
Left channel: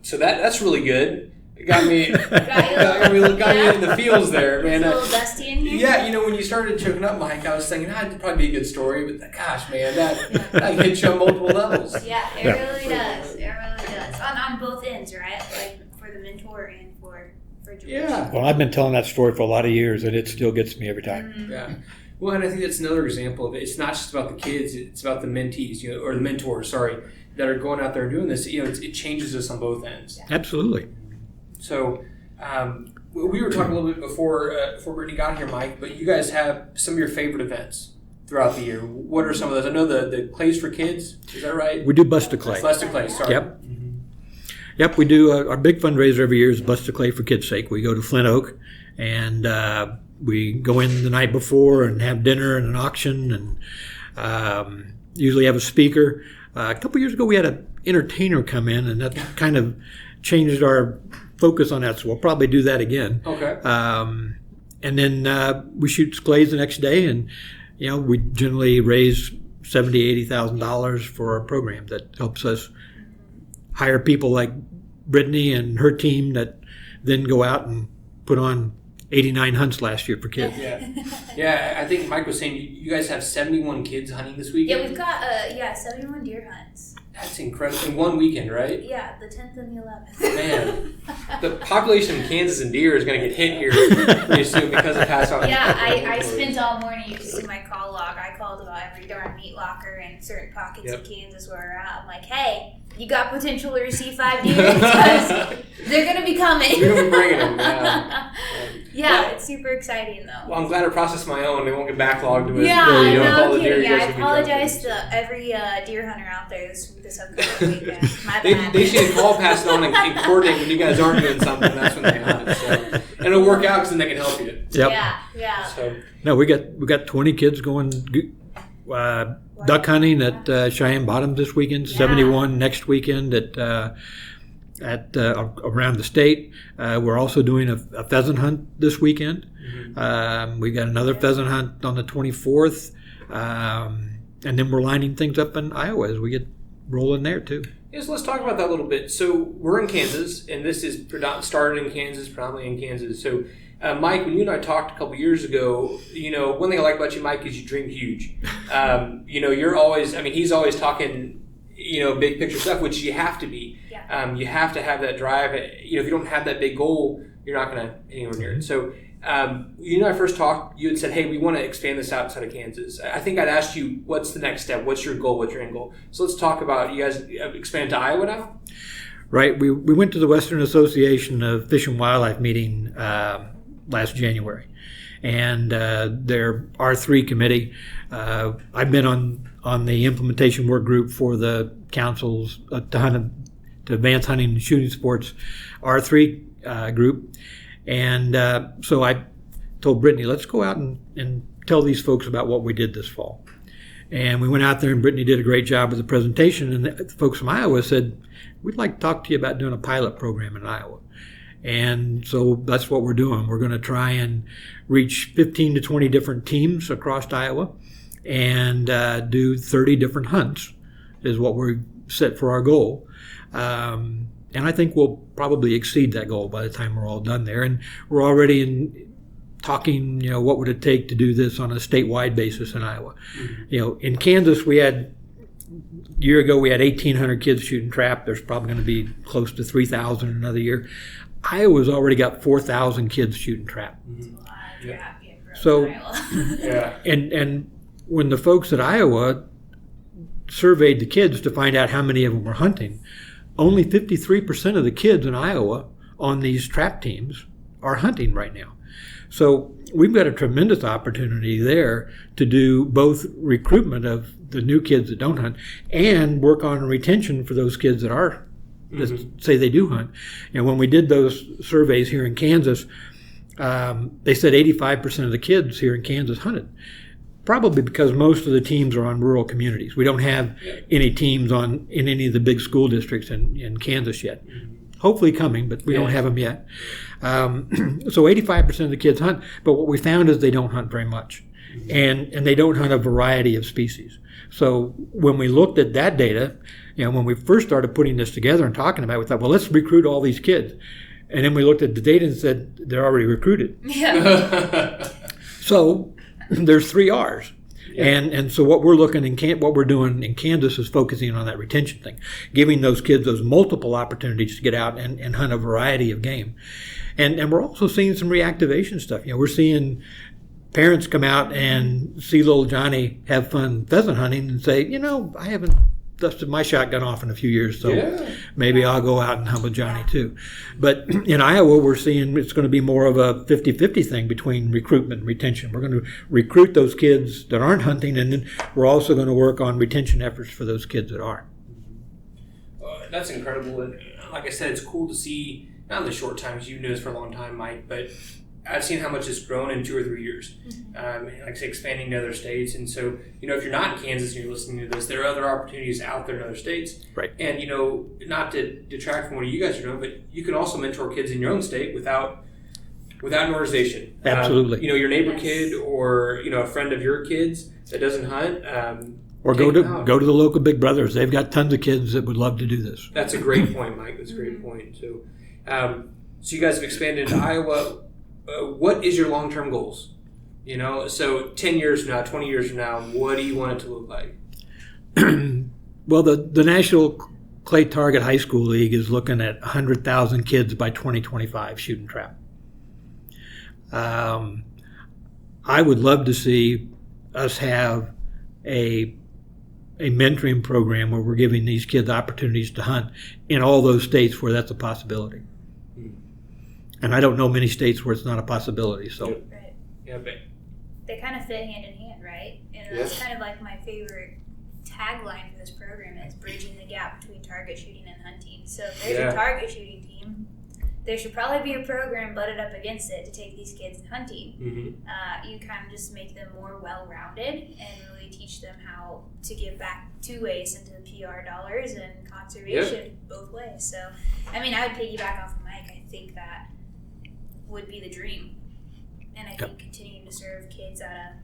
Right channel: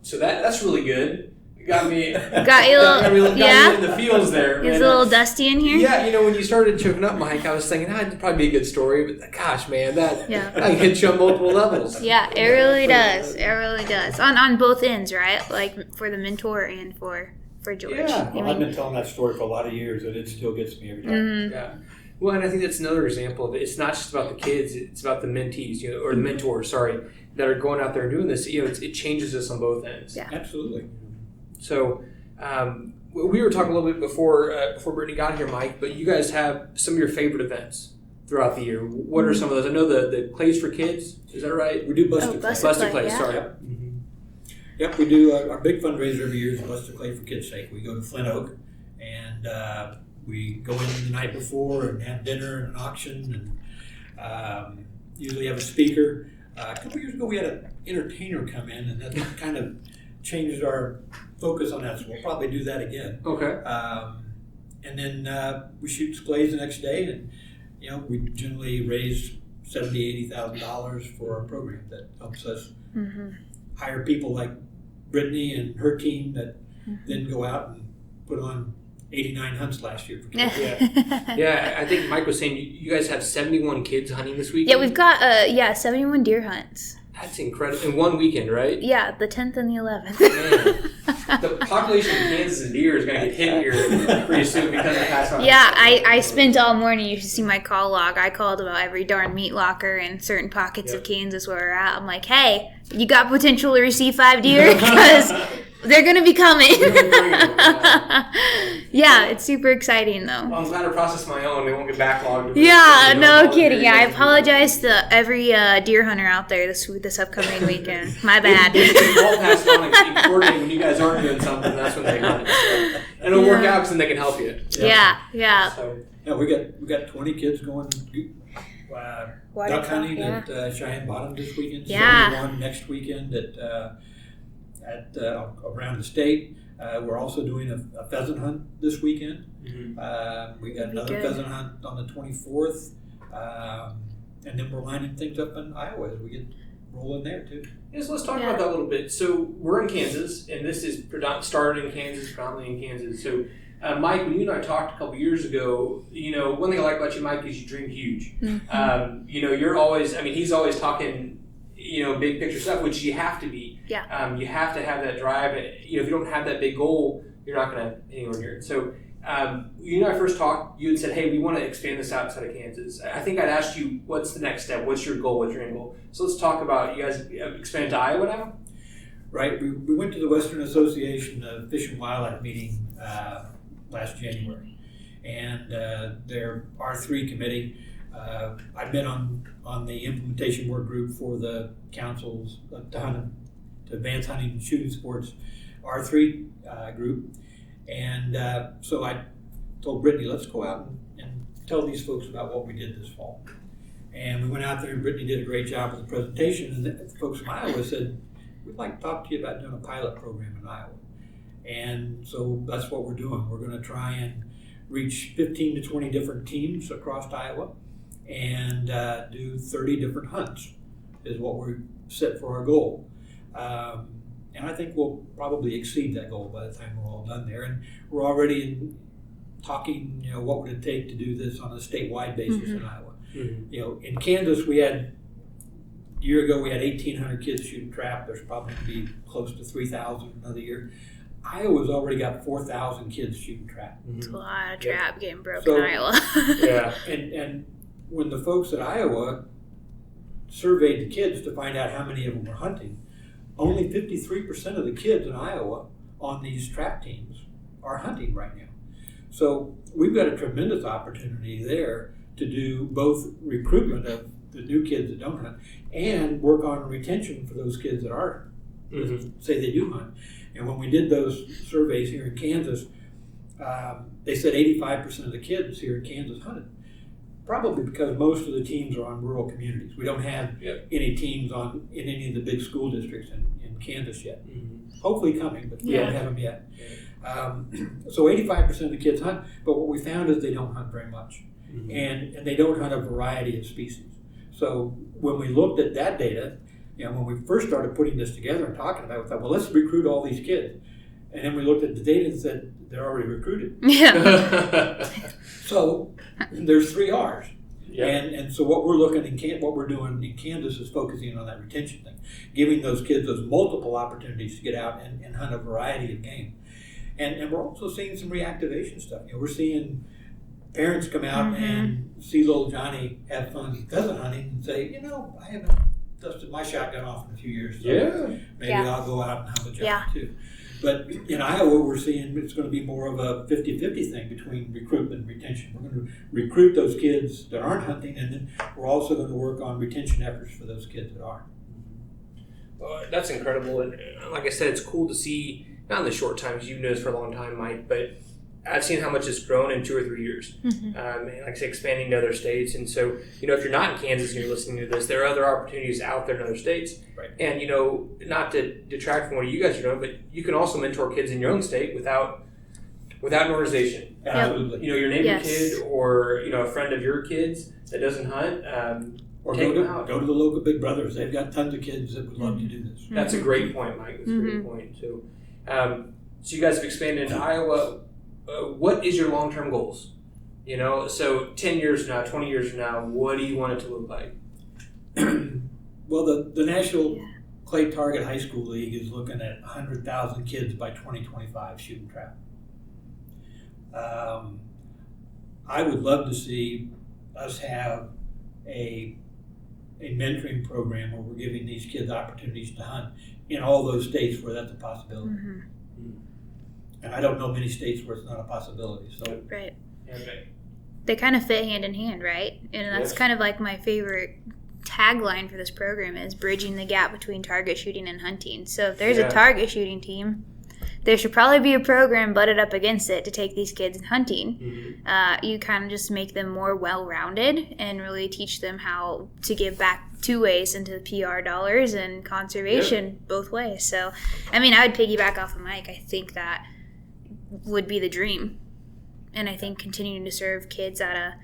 So that's really good. got me Got you in the feels there, man. It's a little dusty in here. Yeah, when you started choking up, Mike, I was thinking that'd probably be a good story, but gosh, man, that hits you on multiple levels. Yeah, it really does. It really does. On both ends, right? Like for the mentor and for George. Yeah. Well, I've been telling that story for a lot of years, and it still gets me every time. Mm-hmm. Yeah. Well, and I think that's another example of it. It's not just about the kids; it's about the mentees, or the mentors. Sorry, that are going out there and doing this. It changes us on both ends. Yeah. Absolutely. So, we were talking a little bit before Brittany got here, Mike. But you guys have some of your favorite events throughout the year. What are some of those? I know the Clays for Kids. Is that right? We do Bust a Clay. Bust a Clay. Yeah. Sorry. Yep. Yep, we do. Our big fundraiser every year is Bust a Clay for Kids' Sake. We go to Flint Oak, and we go in the night before and have dinner and an auction, and usually have a speaker. A couple years ago, we had an entertainer come in, and that kind of changed our focus on that. So we'll probably do that again. Okay. And then we shoot clays the next day, and we generally raise $70,000-$80,000 for our program. That helps us hire people like Brittany and her team that then go out and put on 89 hunts last year for kids. Yeah. I think Mike was saying you guys have 71 kids hunting this weekend. Yeah, we've got 71 deer hunts. That's incredible. In one weekend, right? Yeah, the 10th and the 11th. Man, the population in Kansas and deer is going to get hit here pretty soon because of past on. Yeah, I spent all morning. You should see my call log. I called about every darn meat locker in certain pockets of Kansas where we're at. I'm like, hey, you got potential to receive 5 deer because they're going to be coming. You're gonna be bringing them, Yeah, it's super exciting though. Well, I'm glad I processed my own. They won't get backlogged. Yeah, no kidding. Yeah, I apologize to every deer hunter out there this upcoming weekend. My bad. They should all pass it on and coordinate when you guys aren't doing something. That's when they hunt. So. And it'll work out because then they can help you. Yep. Yeah. So. No, we got 20 kids going duck hunting at Cheyenne Bottom this weekend. 71 next weekend at around the state. We're also doing a pheasant hunt this weekend. We got another pheasant hunt on the 24th, and then we're lining things up in Iowa as we get rolling there too. Yes, let's talk about that a little bit. So we're in Kansas, and this is started in Kansas, predominantly in Kansas. So, Mike, when you and I talked a couple years ago, one thing I like about you, Mike, is you dream huge. You're always, he's always talking, big picture stuff, which you have to be. Yeah. You have to have that drive. If you don't have that big goal, you're not going to anywhere near it. So, you and I first talked, you had said, hey, we want to expand this outside of Kansas. I think I'd asked you, what's the next step? What's your goal? What's your end goal? So let's talk about, you guys expand to Iowa now? Right. We went to the Western Association of Fish and Wildlife meeting last January. And their R3 committee, I've been on the implementation work group for the council's to advance hunting and shooting sports R3 group. And so I told Brittany, let's go out and tell these folks about what we did this fall. And we went out there, and Brittany did a great job with the presentation. And the folks from Iowa said, we'd like to talk to you about doing a pilot program in Iowa. And so that's what we're doing. We're going to try and reach 15 to 20 different teams across Iowa and do 30 different hunts is what we're set for our goal. And I think we'll probably exceed that goal by the time we're all done there. And we're already talking, what would it take to do this on a statewide basis in Iowa. In Kansas, a year ago we had 1,800 kids shooting trap. There's probably going to be close to 3,000 another year. Iowa's already got 4,000 kids shooting trap. It's a lot of trap getting broken in Iowa. Yeah. And when the folks at Iowa surveyed the kids to find out how many of them were hunting, only 53% of the kids in Iowa on these trap teams are hunting right now. So we've got a tremendous opportunity there to do both recruitment of the new kids that don't hunt and work on retention for those kids that are, say they do hunt. And when we did those surveys here in Kansas, they said 85% of the kids here in Kansas hunted. Probably because most of the teams are on rural communities. We don't have any teams in any of the big school districts in Kansas yet. Hopefully coming, but we don't have them yet. So 85% of the kids hunt, but what we found is they don't hunt very much. And they don't hunt a variety of species. So when we looked at that data, when we first started putting this together and talking about it, we thought, well, let's recruit all these kids. And then we looked at the data and said they're already recruited. Yeah. So there's 3 R's. Yeah. And so what we're doing in Kansas is focusing on that retention thing, giving those kids those multiple opportunities to get out and hunt a variety of game. And we're also seeing some reactivation stuff. We're seeing parents come out and see little Johnny have fun pheasant hunting and say, I haven't dusted my shotgun off in a few years, so maybe I'll go out and hunt with Johnny too. But in Iowa, we're seeing it's going to be more of a 50-50 thing between recruitment and retention. We're going to recruit those kids that aren't hunting, and then we're also going to work on retention efforts for those kids that are. That's incredible. And like I said, it's cool to see, not in the short time, because you've known this for a long time, Mike, but I've seen how much it's grown in 2 or 3 years. Like I say, expanding to other states. And so, if you're not in Kansas and you're listening to this, there are other opportunities out there in other states. Right. And, not to detract from what you guys are doing, but you can also mentor kids in your own state without an organization. Absolutely. Your neighbor kid or, a friend of your kids that doesn't hunt. Or go to the local Big Brothers. They've got tons of kids that would love to do this. That's a great point, Mike. That's a great point. So, so you guys have expanded into Iowa. What is your long-term goals? So 10 years from now, 20 years from now, what do you want it to look like? Well, the National Clay Target High School League is looking at 100,000 kids by 2025 shooting trap. I would love to see us have a mentoring program where we're giving these kids opportunities to hunt in all those states where that's a possibility. And I don't know many states where it's not a possibility. So right. Yeah, they kind of fit hand in hand, right? And that's kind of like my favorite tagline for this program is bridging the gap between target shooting and hunting. So if there's a target shooting team, there should probably be a program butted up against it to take these kids hunting. You kind of just make them more well-rounded and really teach them how to give back 2 ways into the PR dollars and conservation both ways. So, I would piggyback off of Mike. I think that would be the dream. And I think continuing to serve kids at a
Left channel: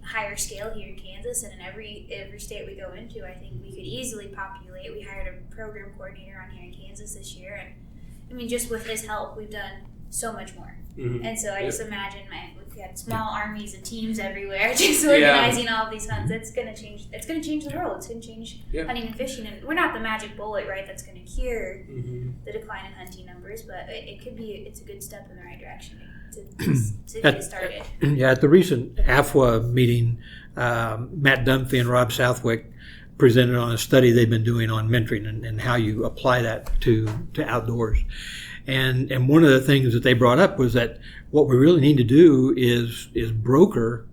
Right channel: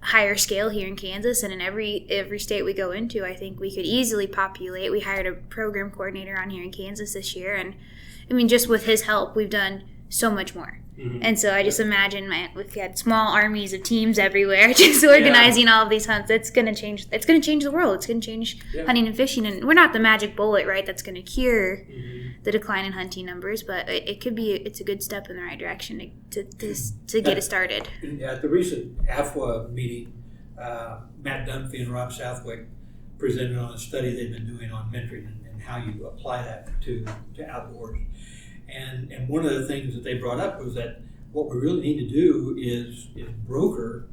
higher scale here in Kansas and in every state we go into, I think we could easily populate. We hired a program coordinator on here in Kansas this year, and just with his help, we've done so much more. And so I just imagine if we had small armies of teams everywhere just organizing all of these hunts, it's going to change the world. It's going to change hunting and fishing. And we're not the magic bullet, right, that's going to cure the decline in hunting numbers, but it's a good step in the right direction to get it started. Yeah, at the recent AFWA meeting, Matt Dunphy and Rob Southwick presented on a study they've been doing on mentoring and how you apply that to outdoors. And one of the things that they brought up was that what we really need to do is broker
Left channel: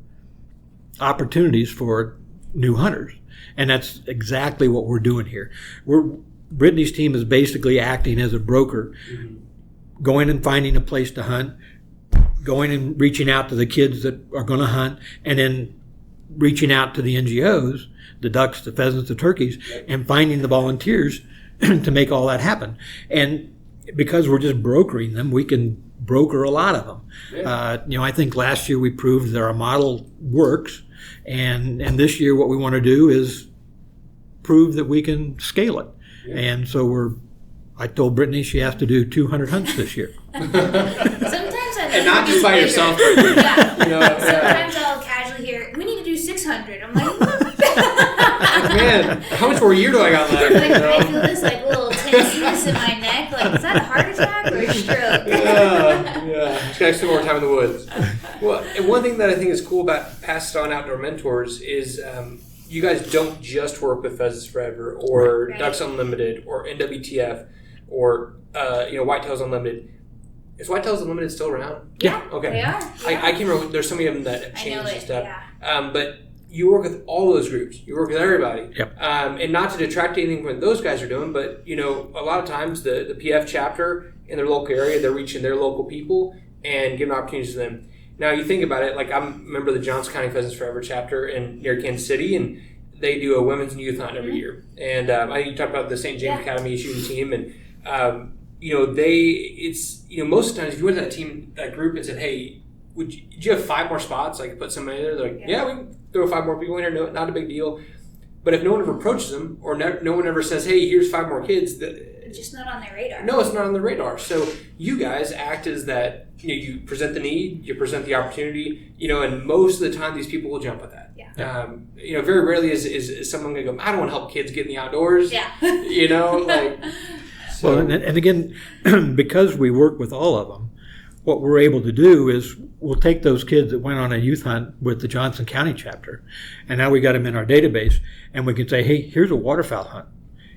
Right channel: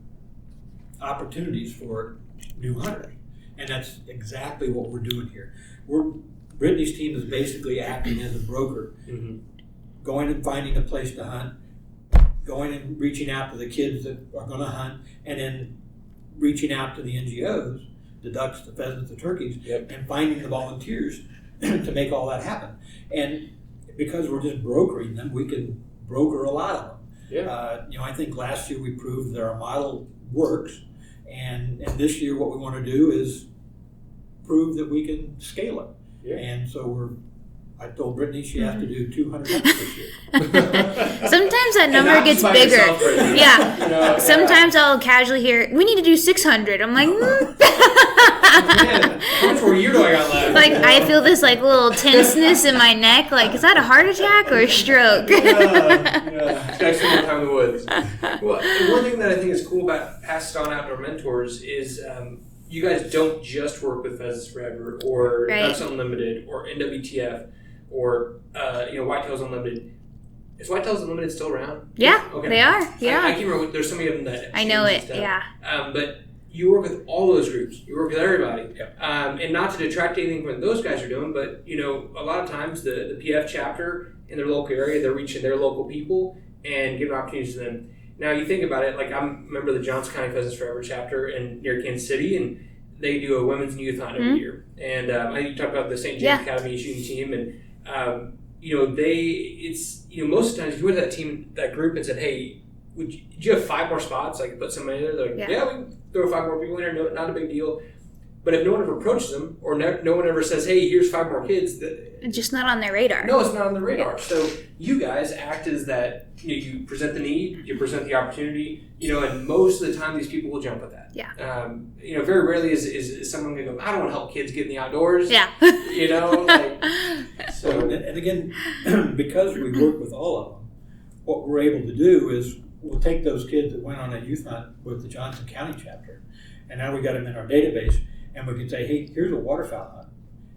opportunities for new hunters. And that's exactly what we're doing here. Brittany's team is basically acting as a broker, going and finding a place to hunt, going and reaching out to the kids that are going to hunt, and then reaching out to the NGOs, the ducks, the pheasants, the turkeys, and finding the volunteers to make all that happen. And because we're just brokering them, we can broker a lot of them. I think last year we proved that our model works, and this year what we want to do is prove that we can scale it. And so I told Brittany she has to do 200 hunts this year. Sometimes that number gets bigger. Sometimes I'll casually hear, we need to do 600. I'm like, man, how much more year do I got left? I feel this little tenseness in my neck. Is that a heart attack or a stroke? Just gotta spend more time in the woods. Well, and one thing that I think is cool about Passed On Outdoor Mentors is you guys don't just work with Pheasants Forever or Ducks Unlimited or NWTF or Whitetails Unlimited. Is Whitetails Unlimited still around? Yeah, okay. They are. I can't remember. There's so many of them that I know it. Stuff. But you work with all those groups. You work with everybody. And not to detract anything from what those guys are doing, but a lot of times the PF chapter in their local area, they're reaching their local people and giving opportunities to them. Now you think about it, I'm a member of the Johnson County Pheasants Forever chapter near Kansas City, and they do a women's and youth hunt every year. And I think you talked about the St. James Academy shooting team, and most of the times if you went to that group and said, hey, did you have 5 more spots? I could put somebody in there. They're like, we can throw 5 more people in there. No, not a big deal. But if no one ever approaches them, or no one ever says, hey, here's 5 more kids, it's just not on their radar. No, it's not on the radar. So you guys act as that, you present the need, you present the opportunity, and most of the time these people will jump at that. Yeah. Very rarely is someone going to go, I don't want to help kids get in the outdoors. Yeah. So. Well, and again, because we work with all of them, what we're able to do is we'll take those kids that went on a youth hunt with the Johnson County chapter, and now we got them in our database, and we can say, hey, here's a waterfowl hunt.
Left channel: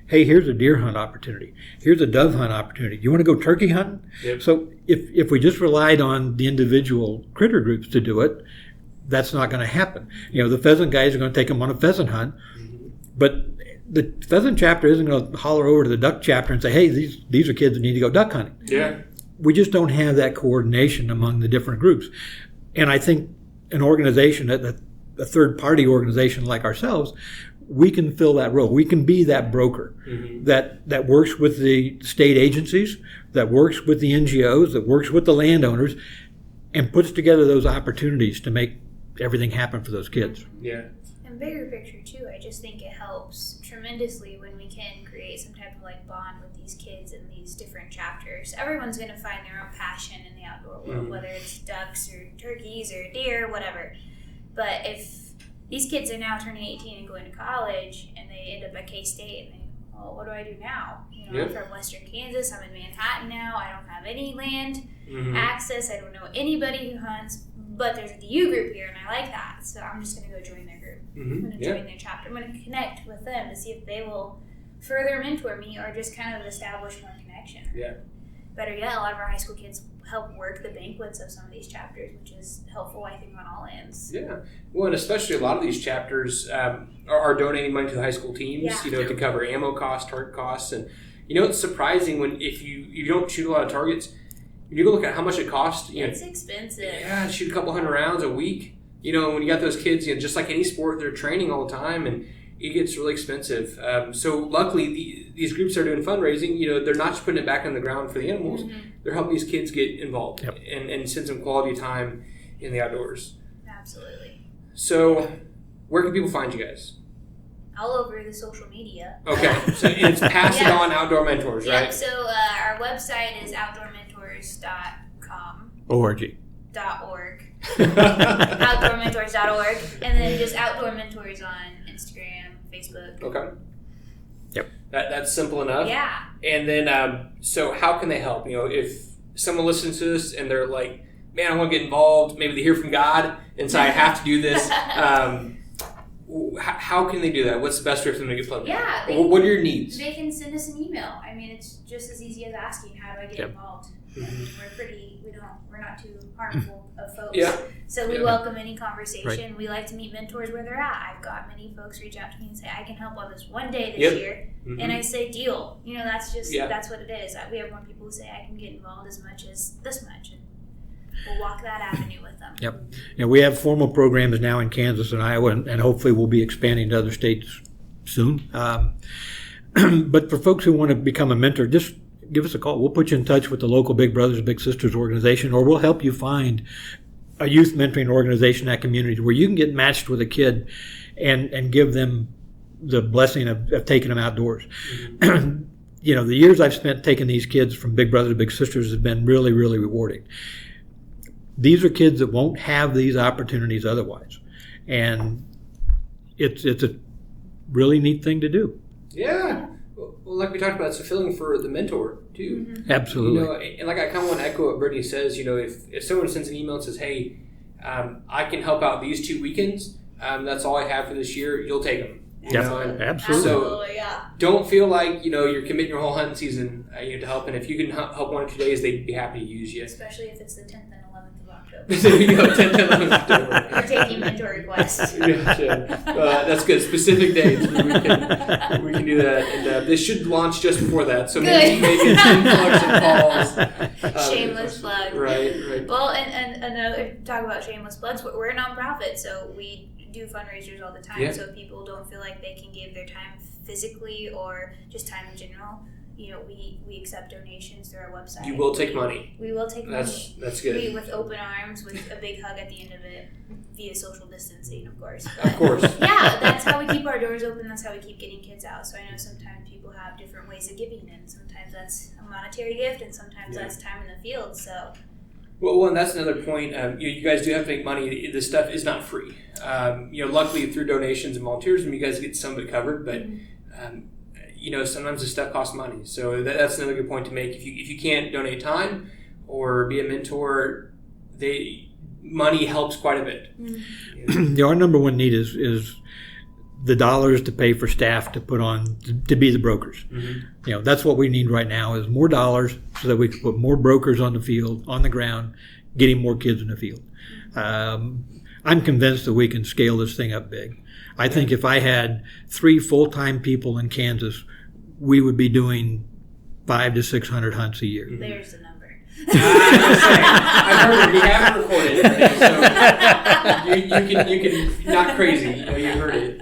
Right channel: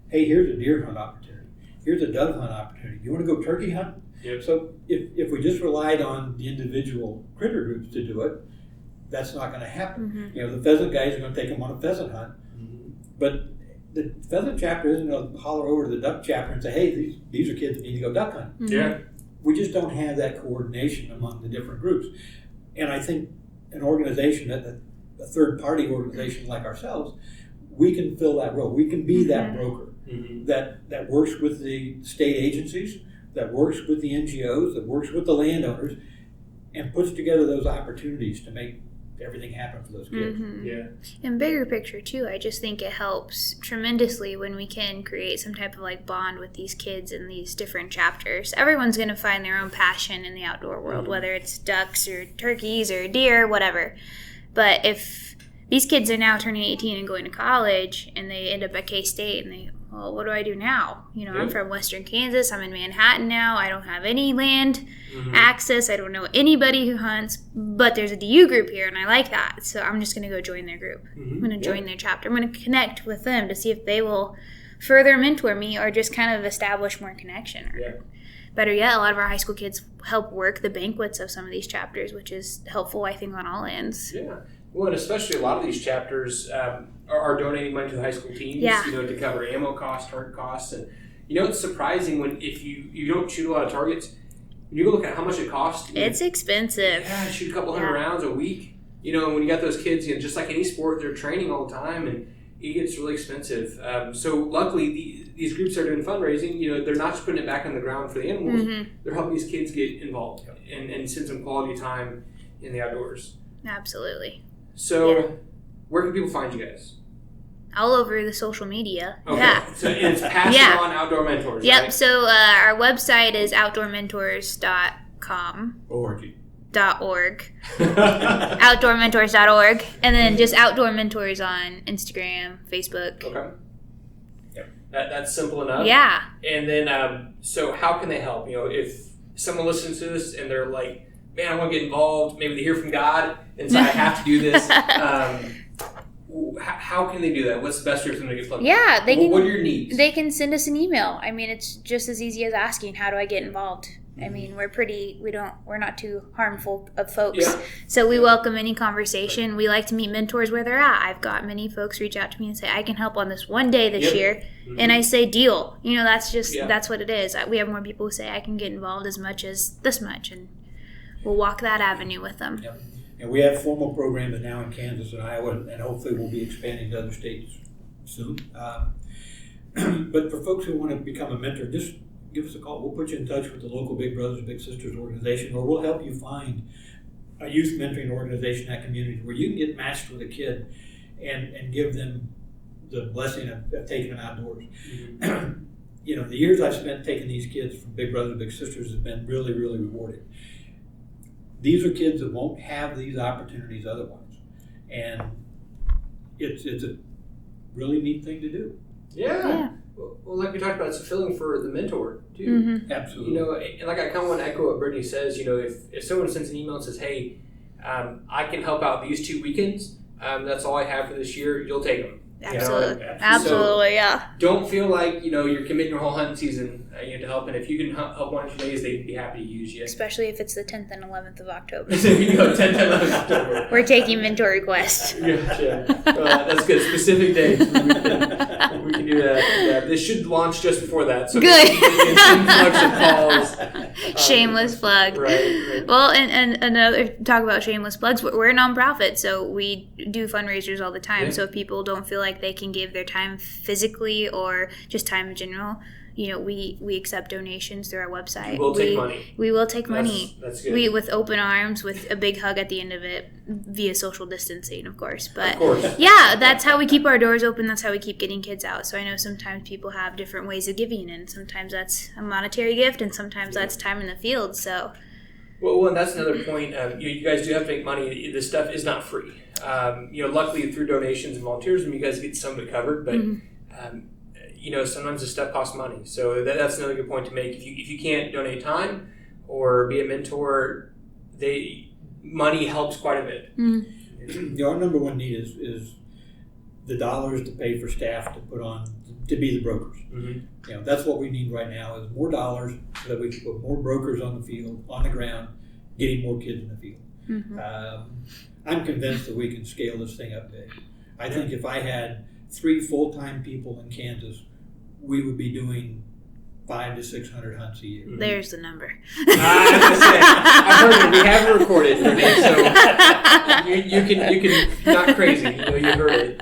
Hey, here's a deer hunt opportunity. Here's a dove hunt opportunity. You want to go turkey hunting? Yep. So if we just relied on the individual critter groups to do it, that's not going to happen. Mm-hmm. The pheasant guys are going to take them on a pheasant hunt, but the pheasant chapter isn't going to holler over to the duck chapter and say, hey, these are kids that need to go duck hunting. Mm-hmm. Yeah. We just don't have that coordination among the different groups. And I think an organization, a third-party organization like ourselves, we can fill that role. We can be that broker that works with the state agencies, that works with the NGOs, that works with the landowners, and puts together those opportunities to make everything happen for those kids. Mm-hmm. Yeah. And bigger picture too, I just think it helps tremendously when we can create some type of bond with these kids in these different chapters. Everyone's going to find their own passion in the outdoor world, whether it's ducks or turkeys or deer, whatever. But if these kids are now turning 18 and going to college, and they end up at K-State, and what do I do now? I'm from Western Kansas. I'm in Manhattan now. I don't have any land access. I don't know anybody who hunts, but there's a DU group here, and I like that. So I'm just going to go join their group. I'm going to join their chapter. I'm going to connect with them to see if they will further mentor me or just kind of establish more connection. Or better yet, a lot of our high school kids help work the banquets of some of these chapters, which is helpful, I think, on all ends. Yeah. Well, and especially a lot of these chapters are donating money to the high school teams, to cover ammo costs, target costs. And, it's surprising if you don't shoot a lot of targets, you go look at how much it costs. It's expensive. Yeah, shoot a couple hundred rounds a week. When you got those kids, just like any sport, they're training all the time, and it gets really expensive. So luckily, these groups are doing fundraising. They're not just putting it back on the ground for the animals. They're helping these kids get involved and spend some quality time in the outdoors. Absolutely. So, where can people find you guys? All over the social media. Okay. Yeah. So it's Pass It On Outdoor Mentors, Yep. right? So our website is outdoormentors.com. .org. Outdoormentors.org. And then just Outdoor Mentors on Instagram, Facebook. Okay. Yep. That's simple enough. Yeah. And then, so how can they help? If someone listens to this and they're like, man, I want to get involved. Maybe they hear from God and say, I have to do this. How can they do that? What's the best way for them to get plugged? Yeah. What are your needs? They can send us an email. I mean, it's just as easy as asking, how do I get involved? I mean, we're not too harmful of folks. Yeah. So we welcome any conversation. Right. We like to meet mentors where they're at. I've got many folks reach out to me and say, I can help on this one day this year. And I say, deal. That's what it is. We have more people who say, I can get involved as much as this much. And we'll walk that avenue with them. Yep. And we have formal programs now in Kansas and Iowa, and hopefully we'll be expanding to other states soon. But for folks who want to become a mentor, just give us a call. We'll put you in touch with the local Big Brothers Big Sisters organization, or we'll help you find a youth mentoring organization in that community where you can get matched with a kid and give them the blessing of taking them outdoors. The years I've spent taking these kids from Big Brothers Big Sisters has been really, really rewarding. These are kids that won't have these opportunities otherwise. And it's a really neat thing to do. Yeah. Well, like we talked about, it's fulfilling for the mentor, too. Absolutely. And like I kind of want to echo what Brittany says, if someone sends an email and says, hey, I can help out these 2 weekends, that's all I have for this year, you'll take them. Absolutely, yeah. Don't feel like, you're committing your whole hunting season to help. And if you can help 1 or 2 days, they'd be happy to use you. Especially if it's the 10th and 11th of October. There you go, 10th and 11th of October. We're taking mentor requests. Gotcha. That's good. Specific dates. We can do that. And, this should launch just before that. So good. maybe calls. Shameless plug. Right. Well, and another talk about shameless plugs. We're a nonprofit, so we do fundraisers all the time. Yeah. So if people don't feel like they can give their time physically or just time in general, we accept donations through our website. You will take money. We will take money. That's good. With open arms, with a big hug at the end of it, via social distancing, of course. But of course. Yeah, that's how we keep our doors open. That's how we keep getting kids out. So I know sometimes people have different ways of giving, and sometimes that's a monetary gift, and sometimes that's time in the field. So. Well, and that's another point. You guys do have to make money. This stuff is not free. Luckily through donations and volunteerism, you guys get some of it covered. But sometimes this stuff costs money. So that's another good point to make. If you can't donate time or be a mentor, money helps quite a bit. Mm-hmm. Our number one need is the dollars to pay for staff to put on to be the brokers. Mm-hmm. That's what we need right now is more dollars so that we can put more brokers on the field, on the ground, getting more kids in the field. Mm-hmm. I'm convinced that we can scale this thing up big. I think if I had 3 full-time people in Kansas, we would be doing 500 to 600 hunts a year. There's the number. I've heard it. We haven't recorded it, so you can not crazy. You heard it.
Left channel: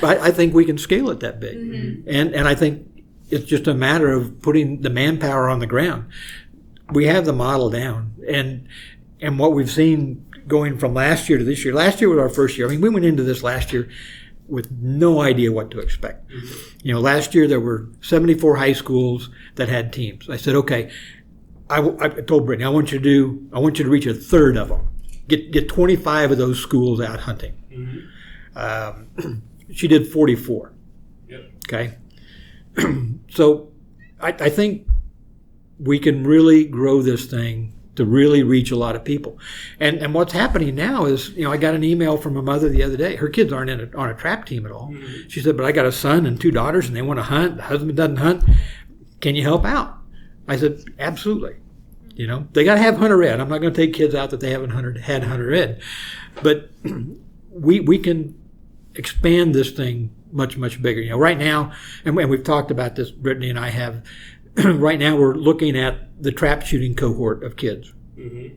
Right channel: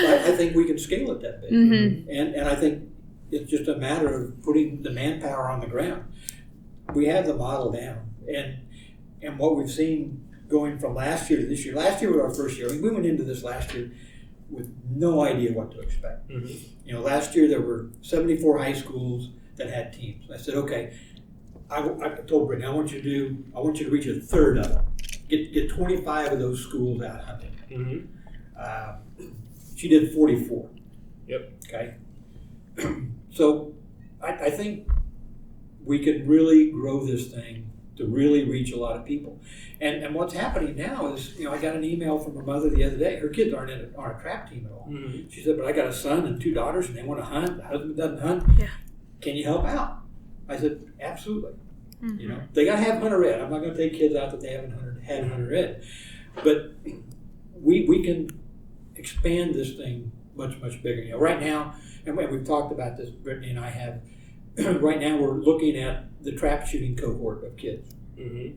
But I think we can scale it that big, mm-hmm. and I think it's just a matter of putting the manpower on the ground. We have the model down, and what we've seen going from last year to this year. Last year was our first year. I mean, we went into this last year with no idea what to expect. Mm-hmm. Last year there were 74 high schools that had teams. I said, okay, I told Brittany, I want you to reach a third of them. Get 25 of those schools out hunting. Mm-hmm. She did 44. Yep. Okay. So I think we can really grow this thing to really reach a lot of people. And what's happening now is, I got an email from a mother the other day. Her kids aren't on a trap team at all. Mm-hmm. She said, but I got a son and 2 daughters and they want to hunt. The husband doesn't hunt. Yeah. Can you help out? I said, absolutely. Mm-hmm. They got to have hunter ed. I'm not going to take kids out that they haven't had hunter ed. But we can expand this thing much, much bigger. Right now, and we've talked about this, Brittany and I have, right now we're looking at the trap shooting cohort of kids. Mm-hmm.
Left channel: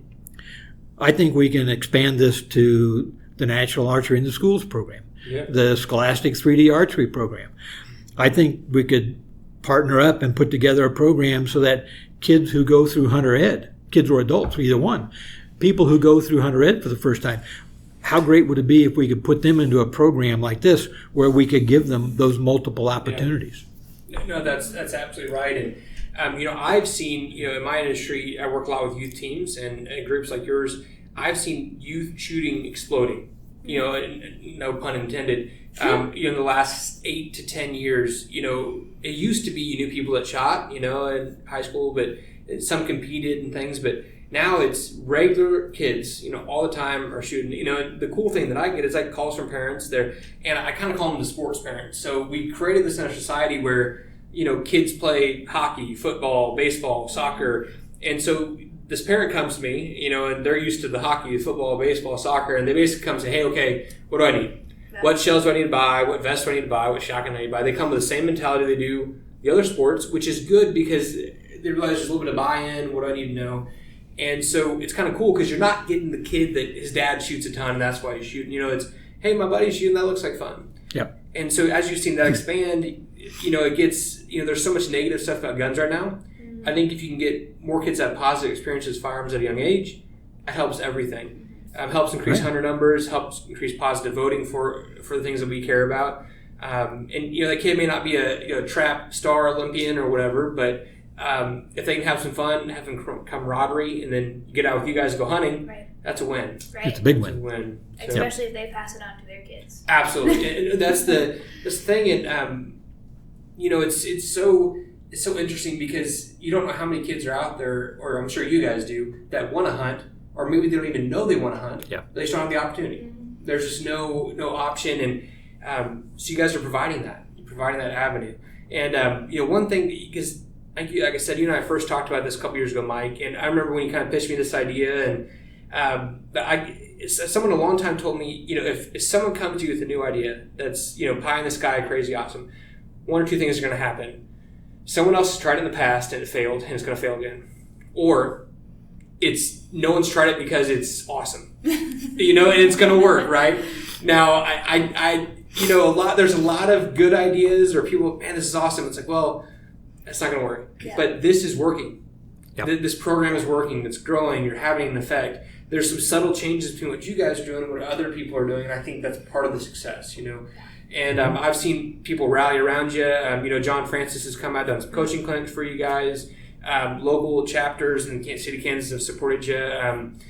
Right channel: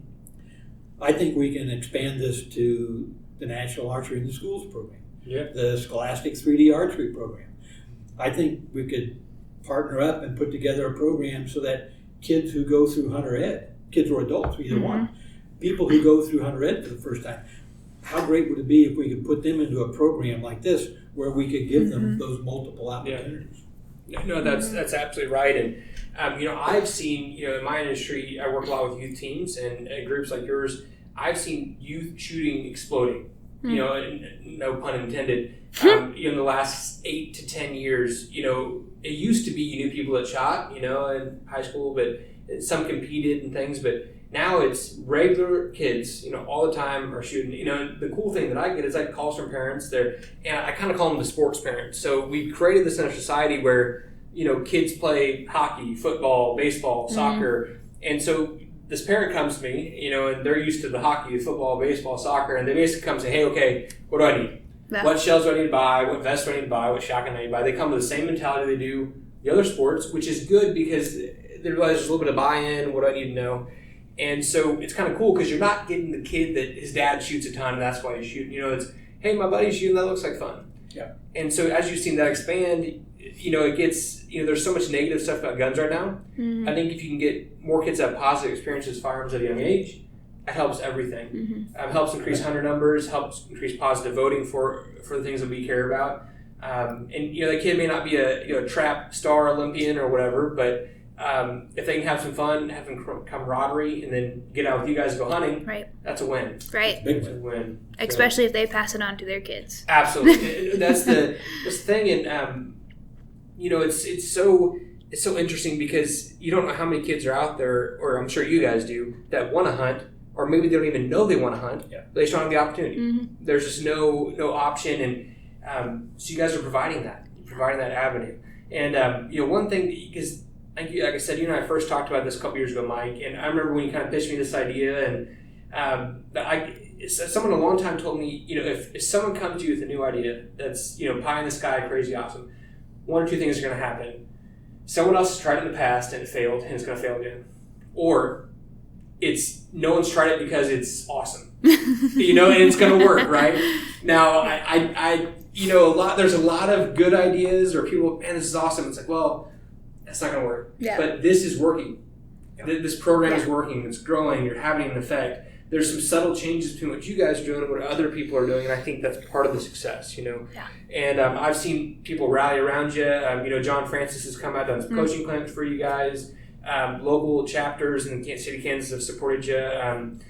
I think we can expand this to the National Archery in the Schools program, the Scholastic 3D Archery program. I think we could partner up and put together a program so that kids who go through hunter ed, kids or adults, either mm-hmm. one, people who go through hunter ed for the first time, how great would it be if we could put them into a program like this where we could give them those multiple opportunities? Yeah. No, that's absolutely right. And I've seen, in my industry, I work a lot with youth teams and groups like yours. I've seen youth shooting exploding, no pun intended. In the last 8 to 10 years, it used to be you knew people that shot, in high school, but some competed and things. But now it's regular kids, all the time are shooting. The cool thing that I get is I get calls from parents there, and I kind of call them the sports parents. So we created this in our society where kids play hockey, football, baseball, soccer. And so this parent comes to me, and they're used to the hockey, football, baseball, soccer, and they basically come and say, hey, okay, what do I need? Yeah. What shells do I need to buy? What vest do I need to buy? What shotgun do I need to buy? They come with the same mentality they do the other sports, which is good because they realize there's a little bit of buy-in. What do I need to know? And so it's kind of cool because you're not getting the kid that his dad shoots a ton, and that's why he's shooting. It's, hey, my buddy's shooting, that looks like fun. Yep. And so as you've seen that expand, it gets, there's so much negative stuff about guns right now. Mm-hmm. I think if you can get more kids to have positive experiences with firearms at a young age, it helps everything. Mm-hmm. Helps increase hunter numbers, helps increase positive voting for the things that we care about. And the kid may not be a trap star Olympian or whatever, but if they can have some fun, have some camaraderie, and then get out with you guys and go hunting, right. That's a win. Right. It's a big win. win. Especially if they pass it on to their kids. Absolutely. That's the thing, and it's so interesting because you don't know how many kids are out there, or I'm sure you guys do, that want to hunt, or maybe they don't even know they want to hunt. Yeah. They just don't have the opportunity. Mm-hmm. There's just no option, and so you guys are providing that avenue. And one thing, because like I said, you and I first talked about this a couple years ago, Mike, and I remember when you kind of pitched me this idea, and someone a long time told me, if someone comes to you with a new idea that's pie in the sky, crazy awesome, 1 or 2 things are going to happen. Someone else has tried it in the past and it failed, and it's going to fail again, or it's no one's tried it because it's awesome, and it's going to work, right? Now, I there's a lot of good ideas, or people, man, this is awesome. It's like, well, it's not going to work. Yeah. But this is working. Yep. This program is working. It's growing. You're having an effect. There's some subtle changes between what you guys are doing and what other people are doing, and I think that's part of the success, you know. Yeah. And I've seen people rally around you. You know, John Francis has come out, done some coaching clinics for you guys. Local chapters in Kansas City, Kansas have supported you, and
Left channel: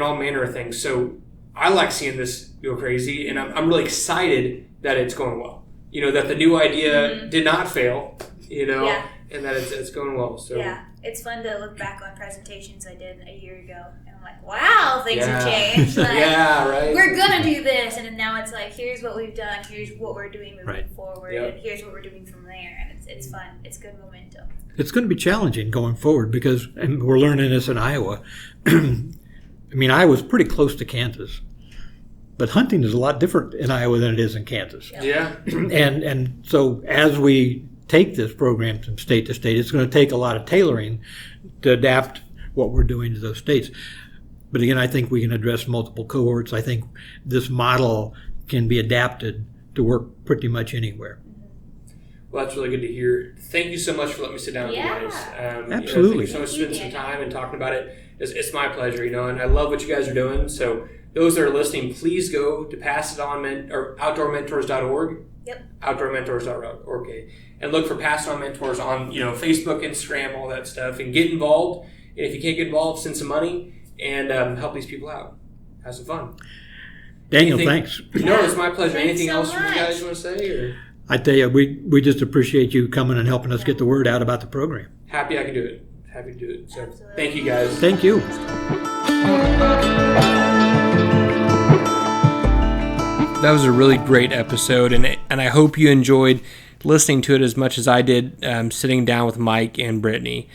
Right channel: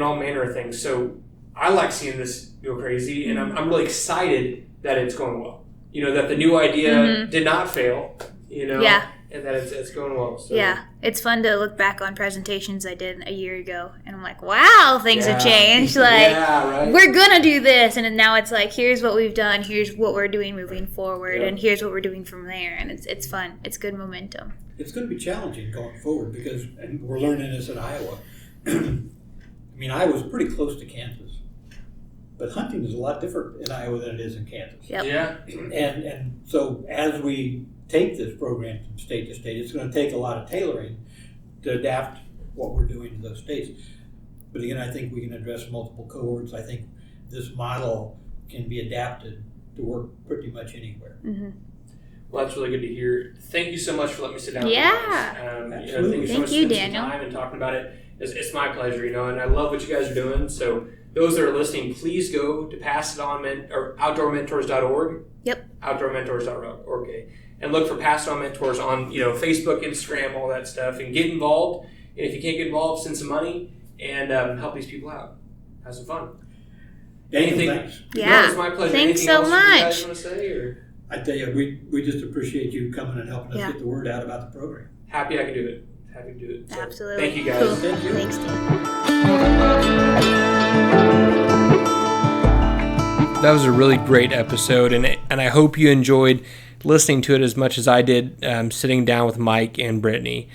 all manner of things. So I like seeing this go crazy, and I'm really excited that it's going well. You know, that the new idea did not fail, you know, and that it's going well. So. Yeah, it's fun to look back on presentations I did a year ago, and I'm like, wow, things have changed. Like, right. We're going to do this, and now it's like, here's what we've done, here's what we're doing moving forward, and here's what we're doing from there, and it's fun. It's good momentum. It's going to be challenging going forward because, and we're learning this in Iowa. I mean, Iowa's pretty close to Kansas, but hunting is a lot different in Iowa than it is in Kansas. Yep. Yeah. And so as we take this program from state to state, it's going to take a lot of tailoring to adapt what we're doing to those states. But again, I think we can address multiple cohorts. I think this model can be adapted to work pretty much anywhere. Mm-hmm. Well, that's really good to hear. Thank you so much for letting me sit down with you guys. Absolutely. Thank you so much for spending some time and talking about it. It's my pleasure, you know, and I love what you guys are doing. So those that are listening, please go to outdoormentors.org. Yep. Outdoormentors.org. Okay. And look for Pass It On Mentors on, you know, Facebook, Instagram, all that stuff, and get involved. And if you can't get involved, send some money and help these people out. Have some fun. Daniel, thanks. Yeah. No, it's my pleasure. Thanks Anything so else much. you guys want to say? Or? I tell you, we just appreciate you coming and helping us get the word out about the program. Happy I can do it. Happy to do it. So, Absolutely. thank you, guys. Thank you. Thanks, Tim. That was a really great episode, and I hope you enjoyed listening to it as much as I did sitting down with Mike and Brittany.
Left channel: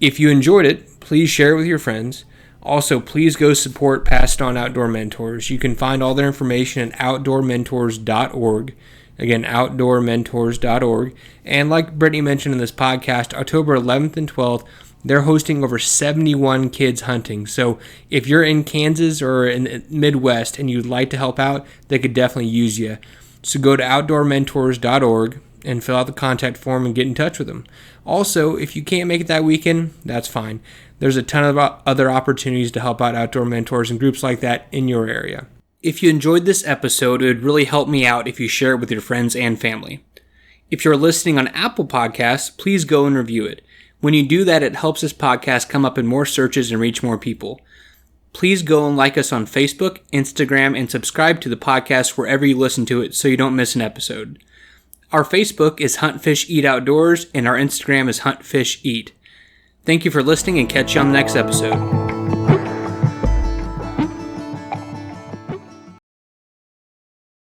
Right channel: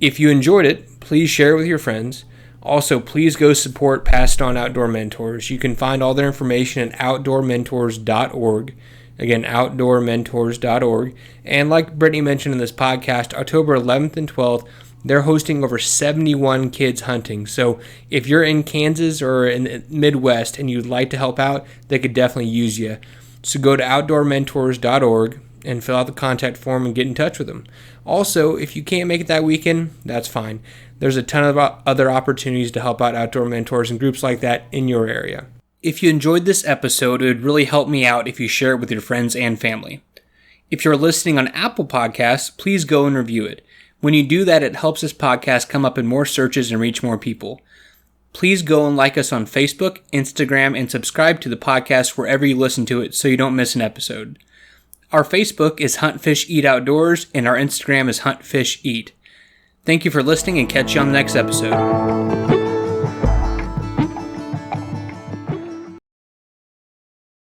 If you enjoyed it, please share it with your friends. Also, please go support Pass It On Outdoor Mentors. You can find all their information at outdoormentors.org. Again, outdoormentors.org. And like Brittany mentioned in this podcast, October 11th and 12th, they're hosting over 71 kids hunting. So if you're in Kansas or in the Midwest and you'd like to help out, they could definitely use you. So go to outdoormentors.org and fill out the contact form and get in touch with them. Also, if you can't make it that weekend, that's fine. There's a ton of other opportunities to help out outdoor mentors and groups like that in your area. If you enjoyed this episode, it would really help me out if you share it with your friends and family. If you're listening on Apple Podcasts, please go and review it. When you do that, it helps this podcast come up in more searches and reach more people. Please go and like us on Facebook, Instagram, and subscribe to the podcast wherever you listen to it so you don't miss an episode. Our Facebook is Hunt Fish Eat Outdoors, and our Instagram is Hunt Fish Eat. Thank you for listening, and catch you on the next episode.